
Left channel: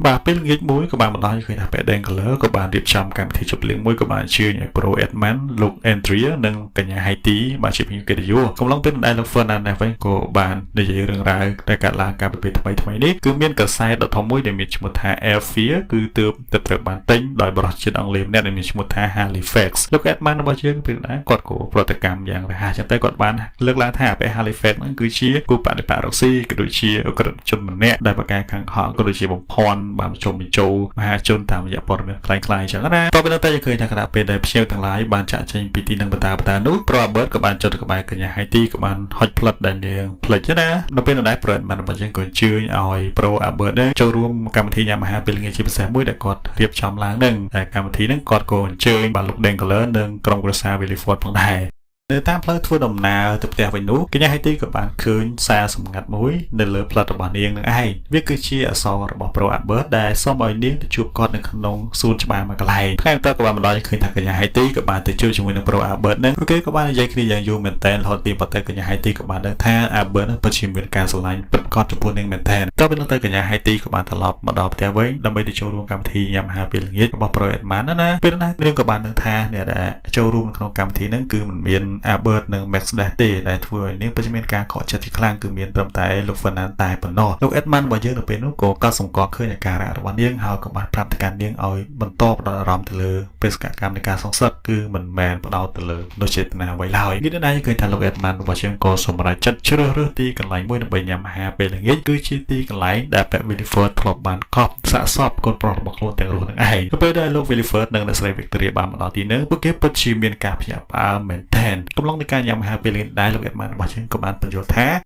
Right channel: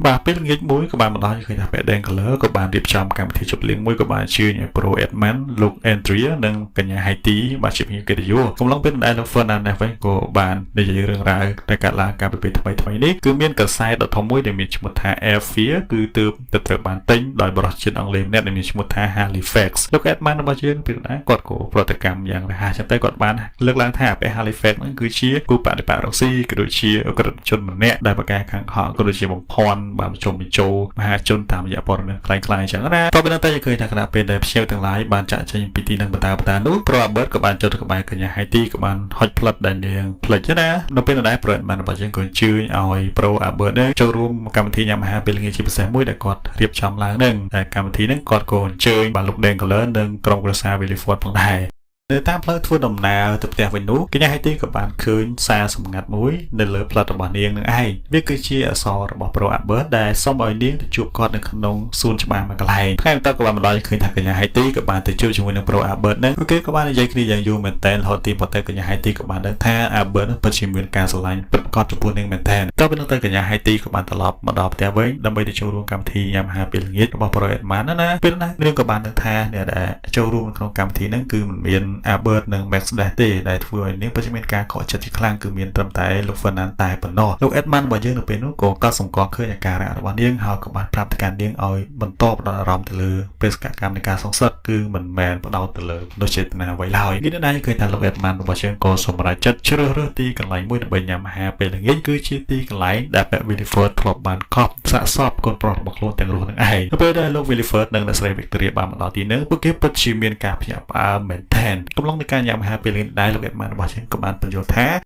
បាទពេលល្ងាចមួយក៏បានបណ្ដាញឃើញថា Paden Color ក៏បានរៀបចំកម្មវិធីជប់លៀងមួយក៏បានអញ្ជើញឲ្យ Pro Edman លោក Entria និងកញ្ញា Haiti បានជាភ្ញៀវកិត្តិយសកំឡុងពេលដែលលោក Fernand វិញក៏បាននិយាយរឿងរ៉ាវដែលកើតឡើងកាលពីពេលថ្មីនេះគឺមានកសែតដ៏ធំមួយដែលមានឈ្មោះថា Airfear គឺទើបត្រូវបានទិញដោយបរិសុទ្ធជាតិអង់គ្លេសម្នាក់ដែលមានឈ្មោះថា Halifax លោក Edman របស់យើងពេលណាគាត់ក៏ប្រតិកម្មយ៉ាងរហ័សចឹងទៅគាត់បានលើកឡើងថាពាក្យ Halifax ហ្នឹងគឺជាគូបដិបត្តិរុស្ស៊ីក៏ដូចជាអក្រិតជនម្នាក់ដែលប្រកាសខាងខកក៏ដូចជាបំផន់បានបញ្ចុះបញ្ចូលមហាជនតាមរយៈព័ត៌មានខ្លាំងៗអញ្ចឹងណាតទៅតែឃើញថាគណៈពេលដែលភ្ញៀវទាំងឡាយបានចាក់ចេញពីទីនឹងបន្តនោះ Pro Albert ក៏បានចុះទៅក្បែរកញ្ញា Haiti ក៏បានហុចផ្លិតដែលនាងផ្លិចណានៅពេលដែល Pro Edman របស់យើងក៏អញ្ជើញឲ្យ Pro Albert ចូលរួមកម្មវិធីញ៉ាំអាហារពេលល្ងាចជាពិសេសមួយដែលគាត់រៀបចំឡើងនឹងតែកម្មវិធីហ្នឹងគាត់ក៏អញ្ជើញបានលោក Den Color និងក្រុមគ្រួសារ Williford ផងដែរនៅតាមផ្លូវធ្វើដំណើរទៅផ្ទះវិញនោះកញ្ញា Haiti ក៏បានឃើញសារសម្ងាត់មួយនៅលើផ្លិតរបស់នាងនឹងឯងវាគឺជាអក្សររបស់ Pro Albert ដែលសូមឲ្យនាងទៅជួបគាត់នៅក្នុងសួនច្បារមួយកន្លែងថ្ងៃបន្ទាប់ក៏បានបណ្ដាញឃើញថាកញ្ញា Haiti ក៏បានទៅជួបជាមួយនឹង Pro Albert នឹងពួកគេក៏បាននិយាយគ្នាយ៉ាងយូរមែនតើរហូតទីប៉ុន្តែកញ្ញា Haiti ក៏បានដឹងថា Albert នឹងពិតជាមានការស្រឡាញ់ពិតប្រាកដចំពោះនាងមែនតើតទៅទៅកញ្ញា Haiti ក៏បានត្រឡប់មកដល់ផ្ទះវិញដើម្បីទៅចូលរួមកម្មវិធីញ៉ាំអាហារពេលល្ងាចរបស់ Pro Edman ណាពេលណានាងក៏បានដឹងថាអ្នកដែលចូលរួមក្នុងកម្មវិធីហ្នឹងគឺមិនមាន Albert និងដែរទេដែលធ្វើឲ្យនាងពិតជាមានការខកចិត្តជាខ្លាំងគឺមានត្រឹមតែលោក Fernand តែប៉ុណ្ណោះលោក Edman របស់យើងនៅពេលនោះក៏កត់សម្គាល់ឃើញអាការៈរបស់នាងហើយក៏បានប្រាប់ទៅកាន់នាងឲ្យបន្តផ្ដោតអារម្មណ៍ទៅលើបេសកកម្មនៃការសងសឹកគឺមិនមែនផ្ដោតទៅលើមនុស្សចេតនាអ្វីឡើយនេះណាគឺថាលោក Edman របស់យើងក៏សម្រេចចិត្តជ្រើសរើសទីកន្លែងមួយដើម្បីញ៉ាំអាហារពេលល្ងាចគឺជាទីកន្លែងដែលពាក់ Williford ធ្លាប់បានកប់សាកសពកូនប្រុសរបស់ខ្លួនទាំងរស់នឹងឯងពេលដែលលោក Williford និងអ្នកស្រី Victoria បានមកដល់ទីនោះពួកគេពិតជាមានការភ្ញាក់ផ្អើលមែនទែនកំឡុងនៃការញ៉ាំអាហារពេលដែលលោក Edman របស់យើងក៏បានបញ្យល់ថា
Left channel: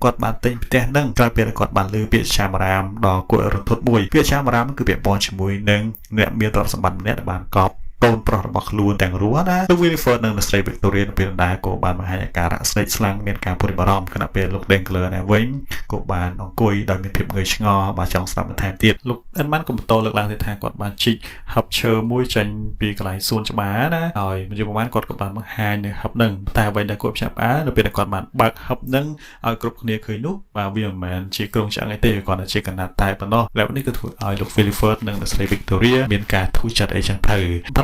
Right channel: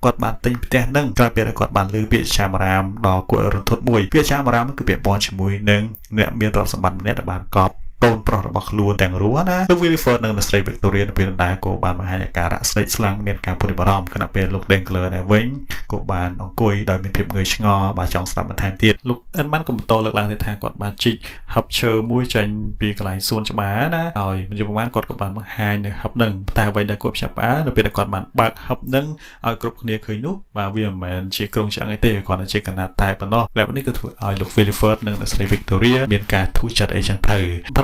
គាត់បានទិញផ្ទះនឹងក្រោយពេលគាត់បានលើពាក្យឆាមរាមដល់គួររន្ធត់មួយពាក្យឆាមរាមគឺពាក្យបនជាមួយនឹងអ្នកមានទ្រព្យសម្បត្តិម្នាក់ដែលបានកប់កូនប្រុសរបស់ខ្លួនទាំងរស់ណាលោក Williford និងអ្នកស្រី Victoria នៅពេលដែលក៏បានបង្ហាញអាការៈស្លេកស្លាំងមានការព្រួយបារម្ភខណៈពេលលោក Den Color នេះវិញក៏បានអង្គុយដោយមានភាពងឿឆ្ងល់បើចង់ស្ដាប់បន្ថែមទៀតលោក Edman ក៏បន្តលើកឡើងទៀតថាគាត់បានជីកហឹបឈើមួយចេញពីកន្លែងសួនច្បារណាហើយយប់ប្រហែលគាត់ក៏បានបង្ហាញនៅហឹបនឹងតែអ្វីដែលគាត់ផ្សាប់នៅពេលដែលគាត់បានបើកហឹបនឹងឲ្យគ្រប់គ្នាឃើញនោះបាទវាមិនមែនជាក្រុងឆ្អឹងអីទេគាត់តែជាកណាត់តែប៉ុណ្ណោះแล้วនេះគឺធ្វើឲ្យលោក Williford និងអ្នកស្រី Victoria មានការធូរចិត្តអីចឹងទ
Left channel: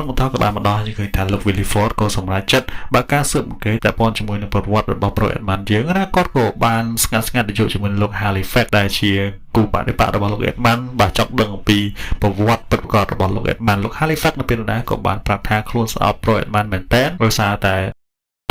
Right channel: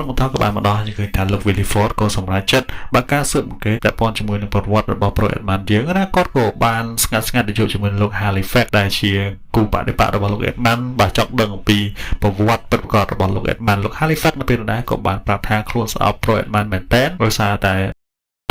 ៅបន្តក៏បានមកដល់ឃើញថាលោក Williford ក៏សម្រេចចិត្តបើការស៊ើបអង្កេតពាក់ព័ន្ធជាមួយនឹងប្រវត្តិរបស់ Pro Edman យើងណាគាត់ក៏បានស្ងាត់ទៅជួបជាមួយលោក Halifax ដែលជាគូបដិបត្តិរបស់លោក Edman បាទចង់ដឹងអំពីប្រវត្តិពិតប្រាកដរបស់លោក Edman លោក Halifax នៅពេលនោះដែរក៏បានប្រាប់ថាខ្លួនស្អប់ Pro Edman មែនតើដោយសារតែ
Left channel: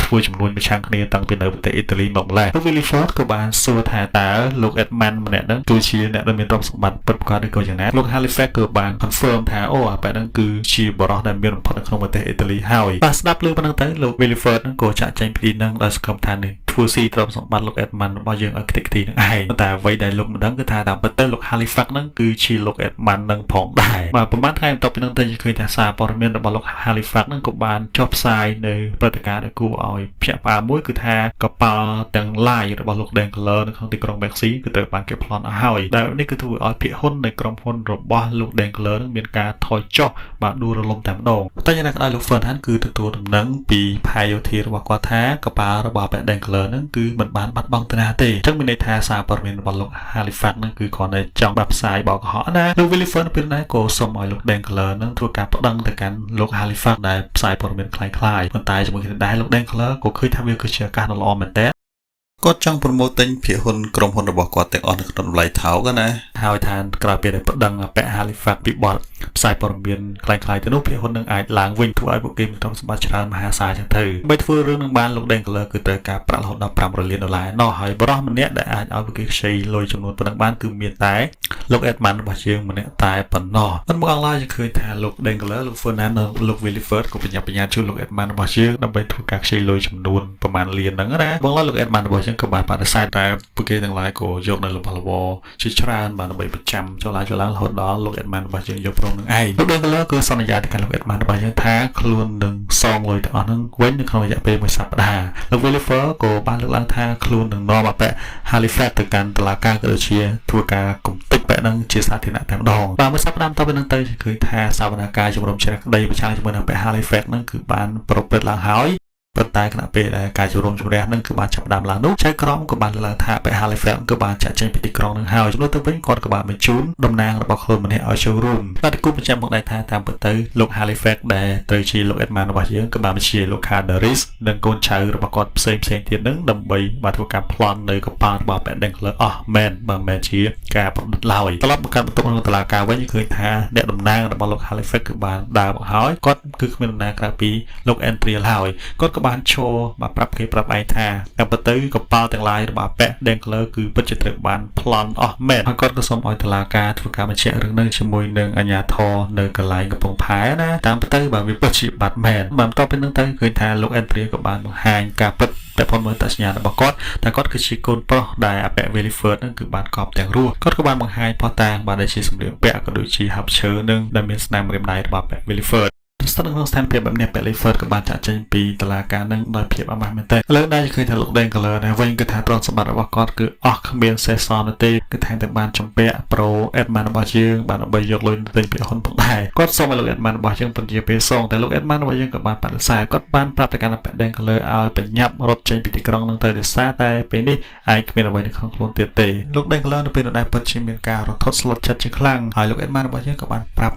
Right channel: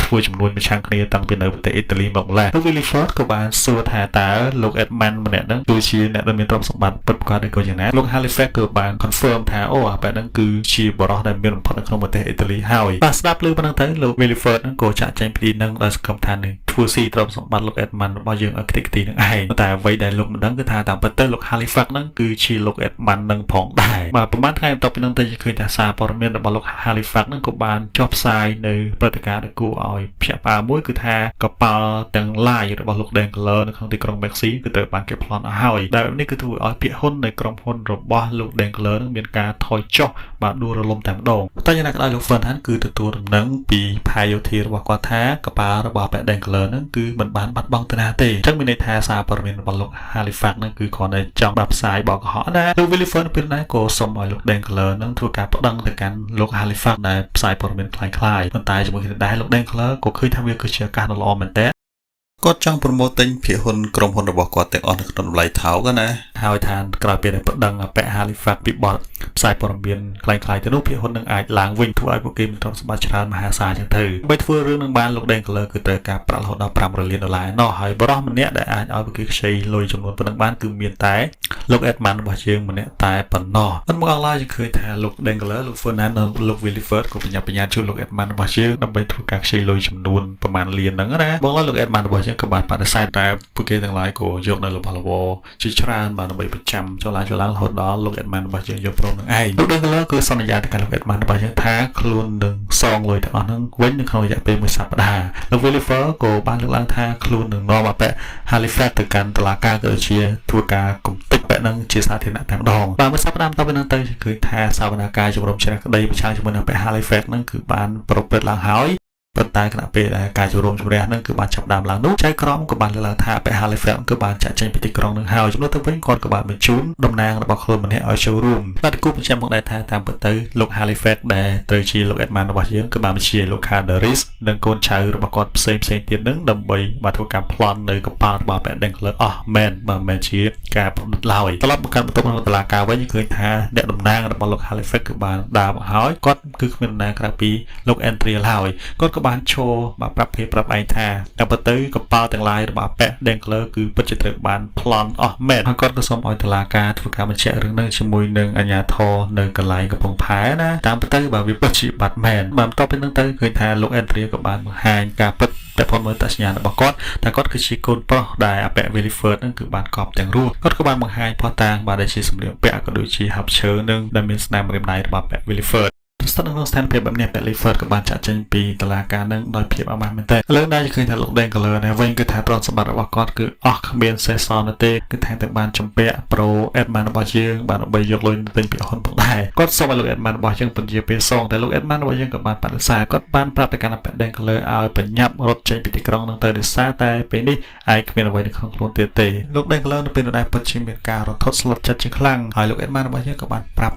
ធ្វើចំនួនប្រឆាំងគ្នាតាំងពីនៅប្រទេសអ៊ីតាលីមកម្ល៉េះលោក Wilford ក៏បានសួរថាតើលោក Edmund ម្នាក់ហ្នឹងគឺជាអ្នកដែលមានទ្រព្យសម្បត្តិពិតប្រាកដឬក៏យ៉ាងណាលោក Halifax ក៏បាន confirm ថាអូអាប៉ែហ្នឹងគឺជាបរិសុទ្ធដែលមានបំផុតនៅក្នុងប្រទេសអ៊ីតាលីហើយបាទស្ដាប់លើប៉ុណ្ណឹងទៅលោក Wilford ហ្នឹងក៏ចាក់ចែងពីនឹងឲ្យសង្ឃឹមថានឹងធ្វើស៊ីទ្រព្យសម្បត្តិលោក Edmund របស់យើងឲ្យខ្ទេចខ្ទីនឹងឯងតែអ្វីដែលលោកមិនដឹងគឺថាតាមពិតទៅលោក Halifax ហ្នឹងគឺជាលោក Edmund នឹងផងដែរបាទប្រហែលថ្ងៃបន្ទាប់ពីនឹងទៅឃើញថាសារព័ត៌មានរបស់លោក Halifax ហ្នឹងក៏បានចុះផ្សាយនៅព្រឹត្តិការណ៍ដែលគួរឲ្យភ្ញាក់ផ្អើលមួយគឺថាកប៉ាល់ទាំង live របស់លោក Dankler នៅក្នុងទីក្រុង Baxi គឺត្រូវបានគេប្លន់ឲ្យហើយដែលនេះគឺធ្វើឲ្យភាគហ៊ុននៃក្រុមហ៊ុនរបស់លោក Dankler នឹងមានការថយចុះបាទដួលរលំតែម្ដងតែយ៉ាងណាក៏ដោយលោក Ferdinand គឺទទួលដំណឹងពីផាយោធារបស់គាត់ថាកប៉ាល់របស់ Dankler ហ្នឹងគឺមិនបានបាត់បង់ទៅណាទេអញ្ចឹងមានន័យថាសារព័ត៌មានរបស់លោក Halifax ហ្នឹងគឺគាត់តែចង់បាត់ផ្សាយបោកកុហកណាលោក Wilford ពេលណាក៏សូមឲ្យលោក Dankler នឹងធ្វើការប្តឹងទៅកាន់លោក Halifax ដែលផ្សាយព័ត៌មានคล้ายៗប៉ុន្តែជាមួយគ្នាដែរលោក Dankler ក៏ឃើញថាវាគឺជាឱកាសដ៏ល្អមែនតើគាត់ចង់ប្រម៉ូទទិញភាគហ៊ុនក្រុមហ៊ុនរបស់គាត់ទាំងអស់នៅក្នុងតម្លៃថោកណាហើយថាក្រោយពេលដែលប្តឹងពាក់ Halifax ពីបទផ្សាយព័ត៌មានคล้ายៗទៅនោះភាគហ៊ុននឹងអាចឡើងវិញធ្វើឲ្យពួកគេមានទ្រព្យសម្បត្តិច្រើនមហាសាលចឹងទៅដើម្បីធ្វើរឿងនឹងបានលោក Dankler គឺត្រូវការប្រាក់រហូតដល់$500 លាននោះហើយបរិះម្នាក់ដែលអាចឲ្យពួកគេខ្ចីលុយចំនួនប៉ុណ្ណឹងបានគឺមានតែលោក Edmund របស់យើងម្នាក់តែប៉ុណ្ណោះប៉ុន្តែមកអនឡាញឃើញថាលោក Dankler លោក Ferdinand និងលោក Wilford ក៏ប្រញាប់ប្រញាល់ជួយលោក Edmund របស់យើងដើម្បីធ្វើការខ្ចីលុយចំនួនប្រមាណលានហ្នឹងណាបងលោក Edmund របស់យើងក៏បានបដិសេធតែពួកគេទាំងឡាយក៏យកនៅរបស់របរជាច្រើនបានដើម្បីប្រចាំចុះឡើងរហូតដល់លោក Edmund របស់យើងយកព្រមនឹងឯងលោក Dankler ក៏សន្យាទៅកាន់លោក Edmund របស់យើងថាខ្លួននឹងសងលុយទាំងអស់ហ្នឹងវិញនៅក្នុងរយៈពេលមួយសប្តាហ៍លោក Wilford ក៏បានលើកឡើងថាខ្លួននឹងនាំអពាក់ Halifax ទៅកាន់តុលាការក៏ដូចជាធ្វើការគំតិចបែបហ្នឹងជាសាធារណៈតែម្ដងបាទមួយសប្តាហ៍បន្ទាប់ពីនោះទៅឃើញថាសវនកម្មជំរំជ្រះក្តីប្រឆាំងជាមួយនឹងពាក់ Halifax ហ្នឹងគឺបានប្រព្រឹត្តឡើងហើយប៉ុន្តែគណៈពេលដែលការជំរំជម្រះនឹងគឺបានចាប់ដើមឡើងនោះចៅក្រមក៏បានលើកថាពាក់ Halifax គឺបានចាក់ចេញពីទីក្រុងនឹងហើយចំនួនទៅវិញគាត់ក៏បានបញ្ជូនតំណាងរបស់ខ្លួនម្នាក់ឲ្យចូលរួមតែគូបញ្ជាក់មកដែរថាតាមពិតទៅលោក Halifax ដែលត្រូវជាលោក Edmund របស់យើងក៏បានបញ្ជាលោក Calderis និងកូនចៅរបស់គាត់ផ្សេងទៀតនឹងដើម្បីបានធ្វើការប្លន់នៅកប៉ាល់របស់ពាក់ Dankler អស់មែនបើមិនជាការប្រឌិតឡើយត្រឡប់មកកាន់បន្ទប់ក្នុងតុលាការវិញឃើញថាអ្នកតំណាងរបស់លោក Halifax គឺបានដើរមកហើយគាត់គឺគ្មានតំណាងក្រៅពីលោក Andrea ហើយគាត់ក៏បានឈរបាទប្រាប់គេប្រាប់ឯងថាតែបើទៅកប៉ាល់ទាំងឡាយរបស់ពាក់ Dankler គឺពិតជាត្រូវបានប្លន់អស់មែនហើយគាត់ក៏សូមឲ្យតុលាការធ្វើការបញ្ជាក់រឿងនេះជាមួយនឹងអាជ្ញាធរនៅកន្លែងកំពង់ផែណាតាមពិតទៅបាទវាពិតជាបាត់មែនបន្ទាប់ពីនោះទៅឃើញថាលោក Andrea ក៏បានបង្ហាញការពិតតែផងមើលតសញ្ញារបស់គាត់តែគាត់គឺជាកូនប្រុសដែលពាក់ Wilford ហ្នឹងគឺបានកប់ទាំងរស់គាត់ក៏បានបង្ហាញផុសតាងបាទដែលជាសម្លៀកបំពាក់ក៏ដូចជាហាប់ឈើនឹងដែលមានស្នាមរឹមដៃរបស់ពាក់ Wilfordស្ថិតនៅក្នុងស្ថានភាពបែបនេះពាក់ Wilford ក៏បានចាក់ចេញពីតុលាការនឹងដោយភាពអមាស់មែនទែនលើដែរឃើញថាលោក Dankler ដែរវិញគឺថាទ្រព្យសម្បត្តិរបស់គាត់គឺអស់គ្មានសេសសល់នោះទេគឺថាតែបានចម្ពាក់ Pro Edmund របស់យើងបានដើម្បីយកលុយទៅទិញពាក្យហ៊ុនផងដែរគាត់សូមឲ្យលោក Edmund របស់យើងពន្យាពេលសងតែលោក Edmund របស់យើងក៏បានបដិសេធគាត់បានប្រាប់ទៅកាន់ពាក់ Dankler ឲ្យបញ្ញាប់រត់ចេញពីទីក្រុងនឹងទៅដោយសារតែពេលនេះឯងគ្មានអ្វីនៅក្នុងខ្លួនទៀតទេលោក Dankler នៅពេលនោះដែរពិតជាមានការរន្ធត់ស្លុតចិត្តជាខ្លាំងហើយលោក Edmund របស់យើងក៏បានប្រាប់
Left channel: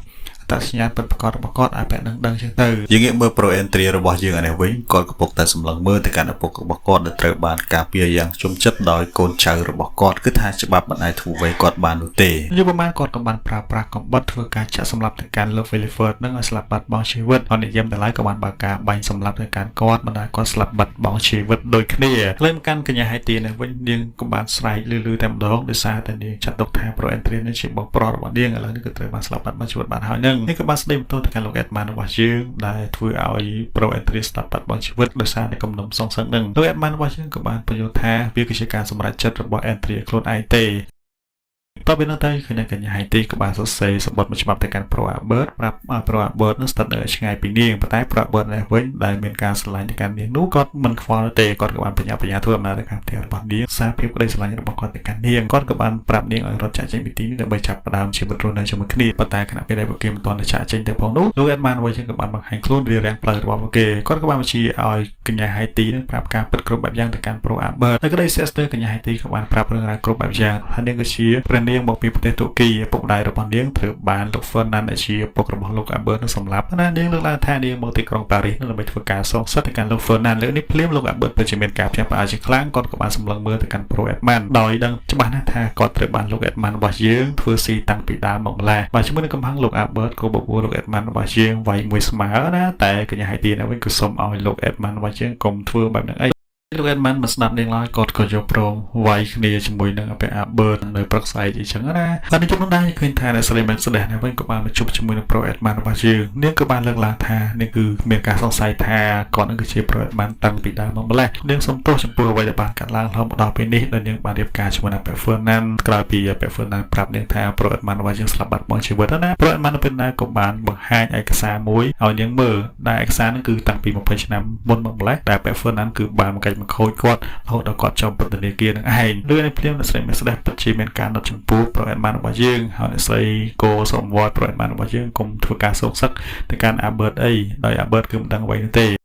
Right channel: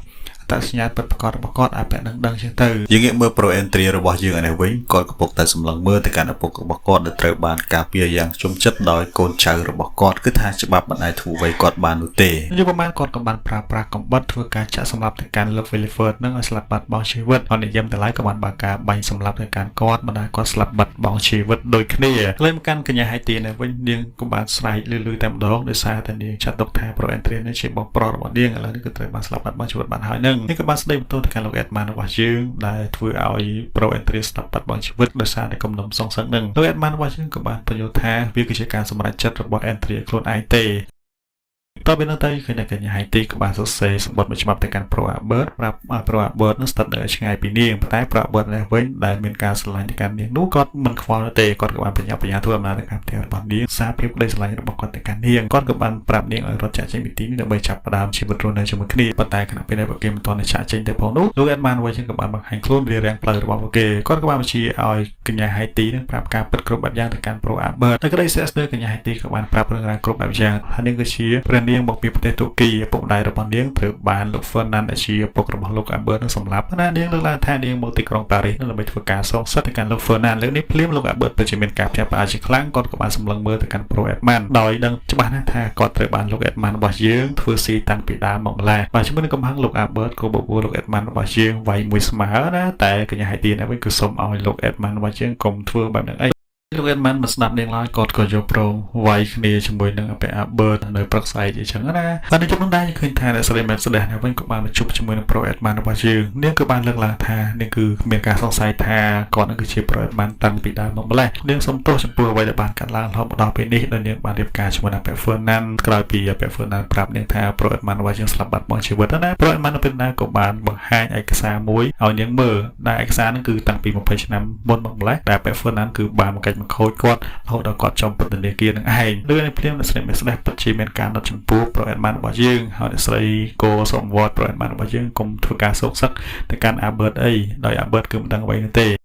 តសញ្ញាពិតប្រាកដរបស់គាត់ឲ្យបែបនឹងដឹងជាងទៅយើងងាកមើល Pro Entry របស់យើងឯនេះវិញគាត់កំពុងតែសម្លឹងមើលទៅកាន់ឪពុករបស់គាត់ដែលត្រូវបានការពារយ៉ាងជុំចិត្តដោយកូនចៅរបស់គាត់គឺថាច្បាប់មិនអាចធ្វើអ្វីគាត់បាននោះទេយូរប្រហែលគាត់ក៏បានប្រើប្រាស់កំបិតធ្វើការចាក់សម្លាប់ទៅកាន់លោក Wilford នឹងឲ្យស្លាប់បាត់បង់ជីវិតហើយនិយមទាំងឡាយក៏បានបើកការបាញ់សម្លាប់ទៅកាន់គាត់បណ្ដាគាត់ស្លាប់បាត់បង់ជីវិតដូចគ្នាលើមកកាន់កញ្ញាហៃទីនៅវិញនាងក៏បានស្រែកលឺតែម្ដងដោយសារតែនាងចាត់ទុកថា Pro Entry នេះជាបងប្រុសរបស់នាងឥឡូវនេះគឺត្រូវបានស្លាប់បាត់បង់ជីវិតបានហើយនឹងនេះក៏បានស្ដីបន្ទោសទៅកាន់លោក Edmund របស់យើងដែលធ្វើឲ្យ Pro Entry ស្លាប់បាត់បង់ជីវិតដោយសារតែគំនុំសង្សឹកនឹងលោក Edmund របស់យើងក៏បានបញ្យល់ថាវាគឺជាការសម្រេចចិត្តរបស់ Entry ខ្លួនឯងទេតើពីនោះទៅគឺអ្នកកញ្ញាហៃទីក៏បានសរសេរសម្បត្តិមួយច្បាប់ទៅកាន់ Pro Albert ប្រាប់ Pro Albert នឹងស្ថិតនៅឆ្ងាយពីនាងប៉ុន្តែ Pro Albert នេះវិញដែលមានការស្រឡាញ់ទៅកាន់នាងនោះគាត់មិនខ្វល់ទេគាត់ក៏បានបញ្ញាធ្វើអំណាចទៅកាន់ផ្ទះរបស់នាងសារភាពក្តីស្រឡាញ់របស់គាត់ទៅកាន់នាងគាត់ក៏បានប្រាប់នាងឲ្យរត់ចាក់ចេញពីទីនេះដើម្បីចាប់ផ្ដើមជីវិតរស់នៅជាមួយគ្នាប៉ុន្តែខណៈពេលដែលពួកគេមិនទាន់ចាក់ចេញទៅផងនោះលោក Edmund វិញក៏បានបង្ហាញខ្លួនរៀបរៀងផ្លូវរបស់ពួកគេគាត់ក៏បានបញ្ជាឲ្យកញ្ញាហៃទីនឹងប្រាប់ការពិតគ្រប់បែបយ៉ាងទៅកាន់ Pro Albert តែក្តីសេះស្ទើរកញ្ញាហៃទីក៏បានប្រាប់រឿងរ៉ាវគ្រប់បែបយ៉ាងហើយនាងក៏ជាព្រះ នាងមកពីប្រទេសទូគីឪពុកម្ដាយរបស់នាងត្រូវបានលោក Fernand ដែលជាឪពុករបស់លោក Albert នឹងសម្លាប់ណានាងលើកឡើងថានាងមកទីក្រុងប៉ារីសដើម្បីធ្វើការសងសឹកទៅកាន់លោក Fernand លើកនេះភ្លាមលោក Albert ពិតជាមានការផ្ទះផ្អើលជាខ្លាំងគាត់ក៏បានសម្លឹងមើលទៅកាន់ប្រូ Edmund ដោយដឹងច្បាស់ណាស់ថាគាត់ត្រូវបានលោក Edmund របស់យើងធ្វើស៊ីតាំងពីដើមមកម្ល៉េះបាទជាមួយនឹងកំហឹងលោក Albert ក៏មកអួរលោក Edmund របស់យើងវាយមួយស្មើណាតែកញ្ញាហៃទីនេះវិញគឺសូមឲ្យលោក Edmund របស់យើងកុំធ្វើបែបហ្នឹងអីលោក Edmund មកស្ដាប់នាងឡើយគាត់ក៏យកព្រមវាយគ្នាជាមួយនឹងព្រះ Albert នៅព្រឹកស្អែកអញ្ចឹងណាតែនៅក្នុងដែរឃើញថាស្រីមែនស្ដេចនេះវិញក៏បានមកជួបជាមួយនឹងប្រូ Edmund របស់យើងនាងក៏បានលើកឡើងថានេះគឺមានការសង្ស័យថាគាត់នឹងគឺជាប្រូ Edmund តាំងពីដើមមកម្ល៉េះនាងសុំទោសចំពោះអ្វីដែលបានកាត់ឡើងរហូតមកដល់ពេលនេះដោយនាងបានរៀបការជាមួយនឹងព្រះ Fernand ក្រោយពីព្រះ Fernand ប្រាប់នាងថាប្រូ Edmund របស់យើងស្លាប់បាត់បង់ជីវិតណាប្រូ Edmund នៅពេលណាក៏បានបង្ហាញឯកសារមួយឲ្យនាងមើលដែលឯកសារហ្នឹងគឺតាំងពី20ឆ្នាំមុនមកម្ល៉េះដែលព្រះ Fernand គឺបានកាច់មកខូចគាត់រហូតដល់គាត់ចំពន្ធនាគារនឹងឯងលើនេះព្រាមអ្នកស្រីមេស្ដេចពិតជាមានការណត់ចំពោះប្រូ Edmund របស់យើងហើយអ្នកស្រីក៏សូមវត្តប្រូ Edmund របស់យើងកុំធ្វើការសោកសឹកទៅកាន់ Albert អីដោយ Albert គឺមិនដឹងអ្វីនោះទេ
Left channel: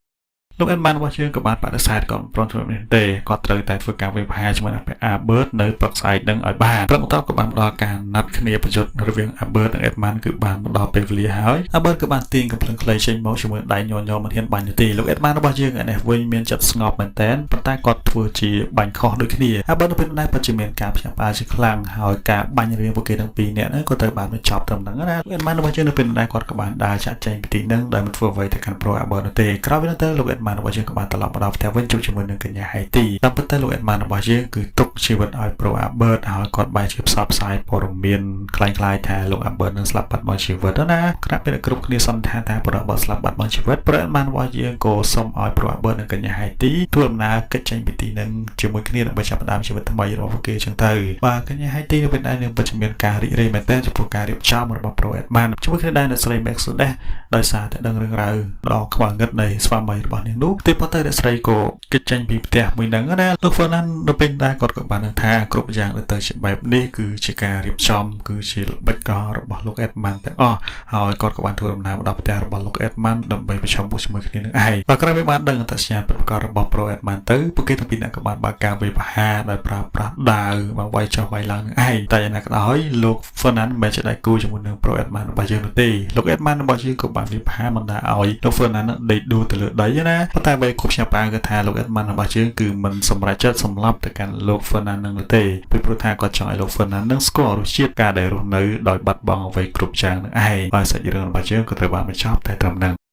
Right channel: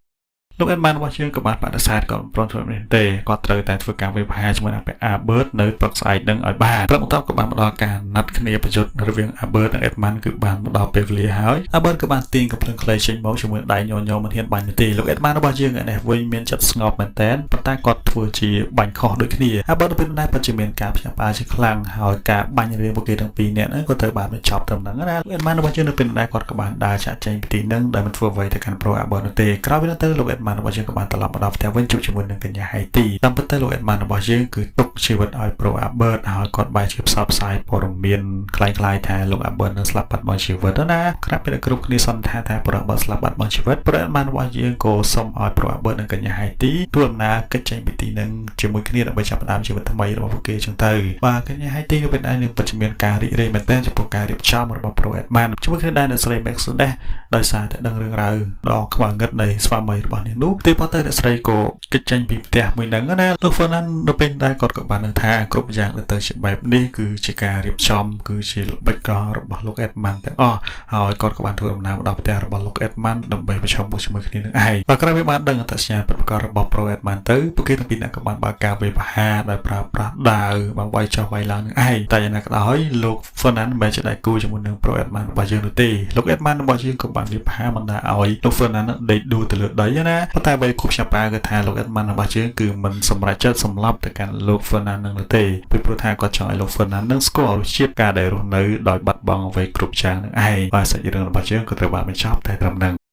លោក Edmund របស់យើងក៏បានបដិសេធគាត់មិនព្រមធ្វើមែនទេគាត់ត្រូវតែធ្វើការវិភាគជាមួយនឹងព្រះ Albert នៅព្រឹកស្អែកនឹងឲ្យបានព្រឹកបន្ទាប់ក៏បានមកដល់ការណាត់គ្នាប្រយុទ្ធរវាង Albert និង Edmund គឺបានមកដល់ពេលវេលាហើយ Albert ក៏បានទាញកំភ្លើងខ្លីចេញមកជាមួយដៃញញមិនហ៊ានបាញ់ទេលោក Edmund របស់យើងនេះវិញមានចិត្តស្ងប់មែនតែនប៉ុន្តែគាត់ធ្វើជាបាញ់ខុសដូចគ្នា Albert នៅពេលនោះពិតជាមានការផ្ទះផ្អើលជាខ្លាំងហើយការបាញ់រឿងពួកគេទាំងពីរនាក់ក៏ត្រូវបានបញ្ចប់ត្រឹមហ្នឹងណា Edmund របស់យើងនៅពេលនោះគាត់ក៏បានដើរចាក់ចែងពីទីហ្នឹងដែលមិនធ្វើអ្វីទៅកាន់ប្រូ Albert នោះទេក្រោយពីនោះទៅលោក Edmund របស់យើងក៏បានត្រឡប់មកដល់ផ្ទះវិញជួបជាមួយនឹងកញ្ញាហៃទីតាមពិតទៅលោក Edmund របស់យើងគឺទុកជីវិតឲ្យប្រូ Albert ហើយគាត់បានជាផ្សព្វផ្សាយព័ត៌មានคล้ายៗថាលោក Albert នឹងស្លាប់បាត់បង់ជីវិតណាក្រោយពីគ្រប់គ្នាសន្និដ្ឋានថាប្រូ Albert ស្លាប់បាត់បង់ជីវិតប្រូ Edmund របស់យើងក៏សូមឲ្យប្រូ Albert និងកញ្ញាហៃទីធ្វើដំណើរកិច្ចចេញពីទីនឹងជាមួយគ្នាដើម្បីចាប់ផ្ដើមជីវិតថ្មីរបស់ពួកគេចឹងទៅបាទកញ្ញាហៃទីក៏បាននឹងពិតជាមានការរីករាយមែនទែនចំពោះការរៀបចំរបស់ប្រូ Edmund ជាមួយគ្នាដែរអ្នកស្រី Max ដែរដោយសារតែដឹងរឿងរ៉ាវដ៏ខ្មៅងឹតនៃស្វាមីរបស់នាងនោះតែប៉ុន្តែអ្នកស្រីក៏គេចចេញពីផ្ទះមួយហ្នឹងណាលោក Fernand នៅពេលដែរគាត់ក៏បានថាគ្រប់យ៉ាងទៅជាបែបនេះគឺជាការរៀបចំគឺជាល្បិចកលរបស់លោក Edmund ទាំងអស់ហើយគាត់ក៏បានធ្វើដំណើរមកដល់ផ្ទះរបស់លោក Edmund ដើម្បីប្រជុំជាមួយគ្នានឹងឯងបាទក្រោយពីបានដឹងអត្តសញ្ញាណប្រកបរបស់ប្រូ Edmund ទៅពួកគេទាំងពីរនាក់ក៏បានបើកការវិភាគដោយប្រើប្រាស់ដាវបងវាយចុះវាយឡើងនឹងឯងតែយ៉ាងណាក៏ដោយលោក Fernand មិនជាដៃគូជាមួយនឹងប្រូ Edmund របស់យើងនោះទេលោក Edmund របស់យើងក៏បានវិភាគមិនថាឲ្យលោក Fernand ដេកដួលទៅលើដីណាប៉ុន្តែបីគប់ចាប់ប្រើគឺថាលោក Edmund របស់យើងគឺមិនសម្រេចចិត្តសម្លាប់ទៅកាន់លោក Fernand នឹងទេព្រោះថាគាត់ចង់ឲ្យលោក Fernand នឹងស្គាល់រសជាតិការដែលរស់នៅដោយបាត់បង់អ្វីគ្រប់យ៉ាងនឹងឯងបាទសាច់រឿងរបស់យើងក៏ត្រូវបានបញ្ចប់តែត្រឹមហ្នឹង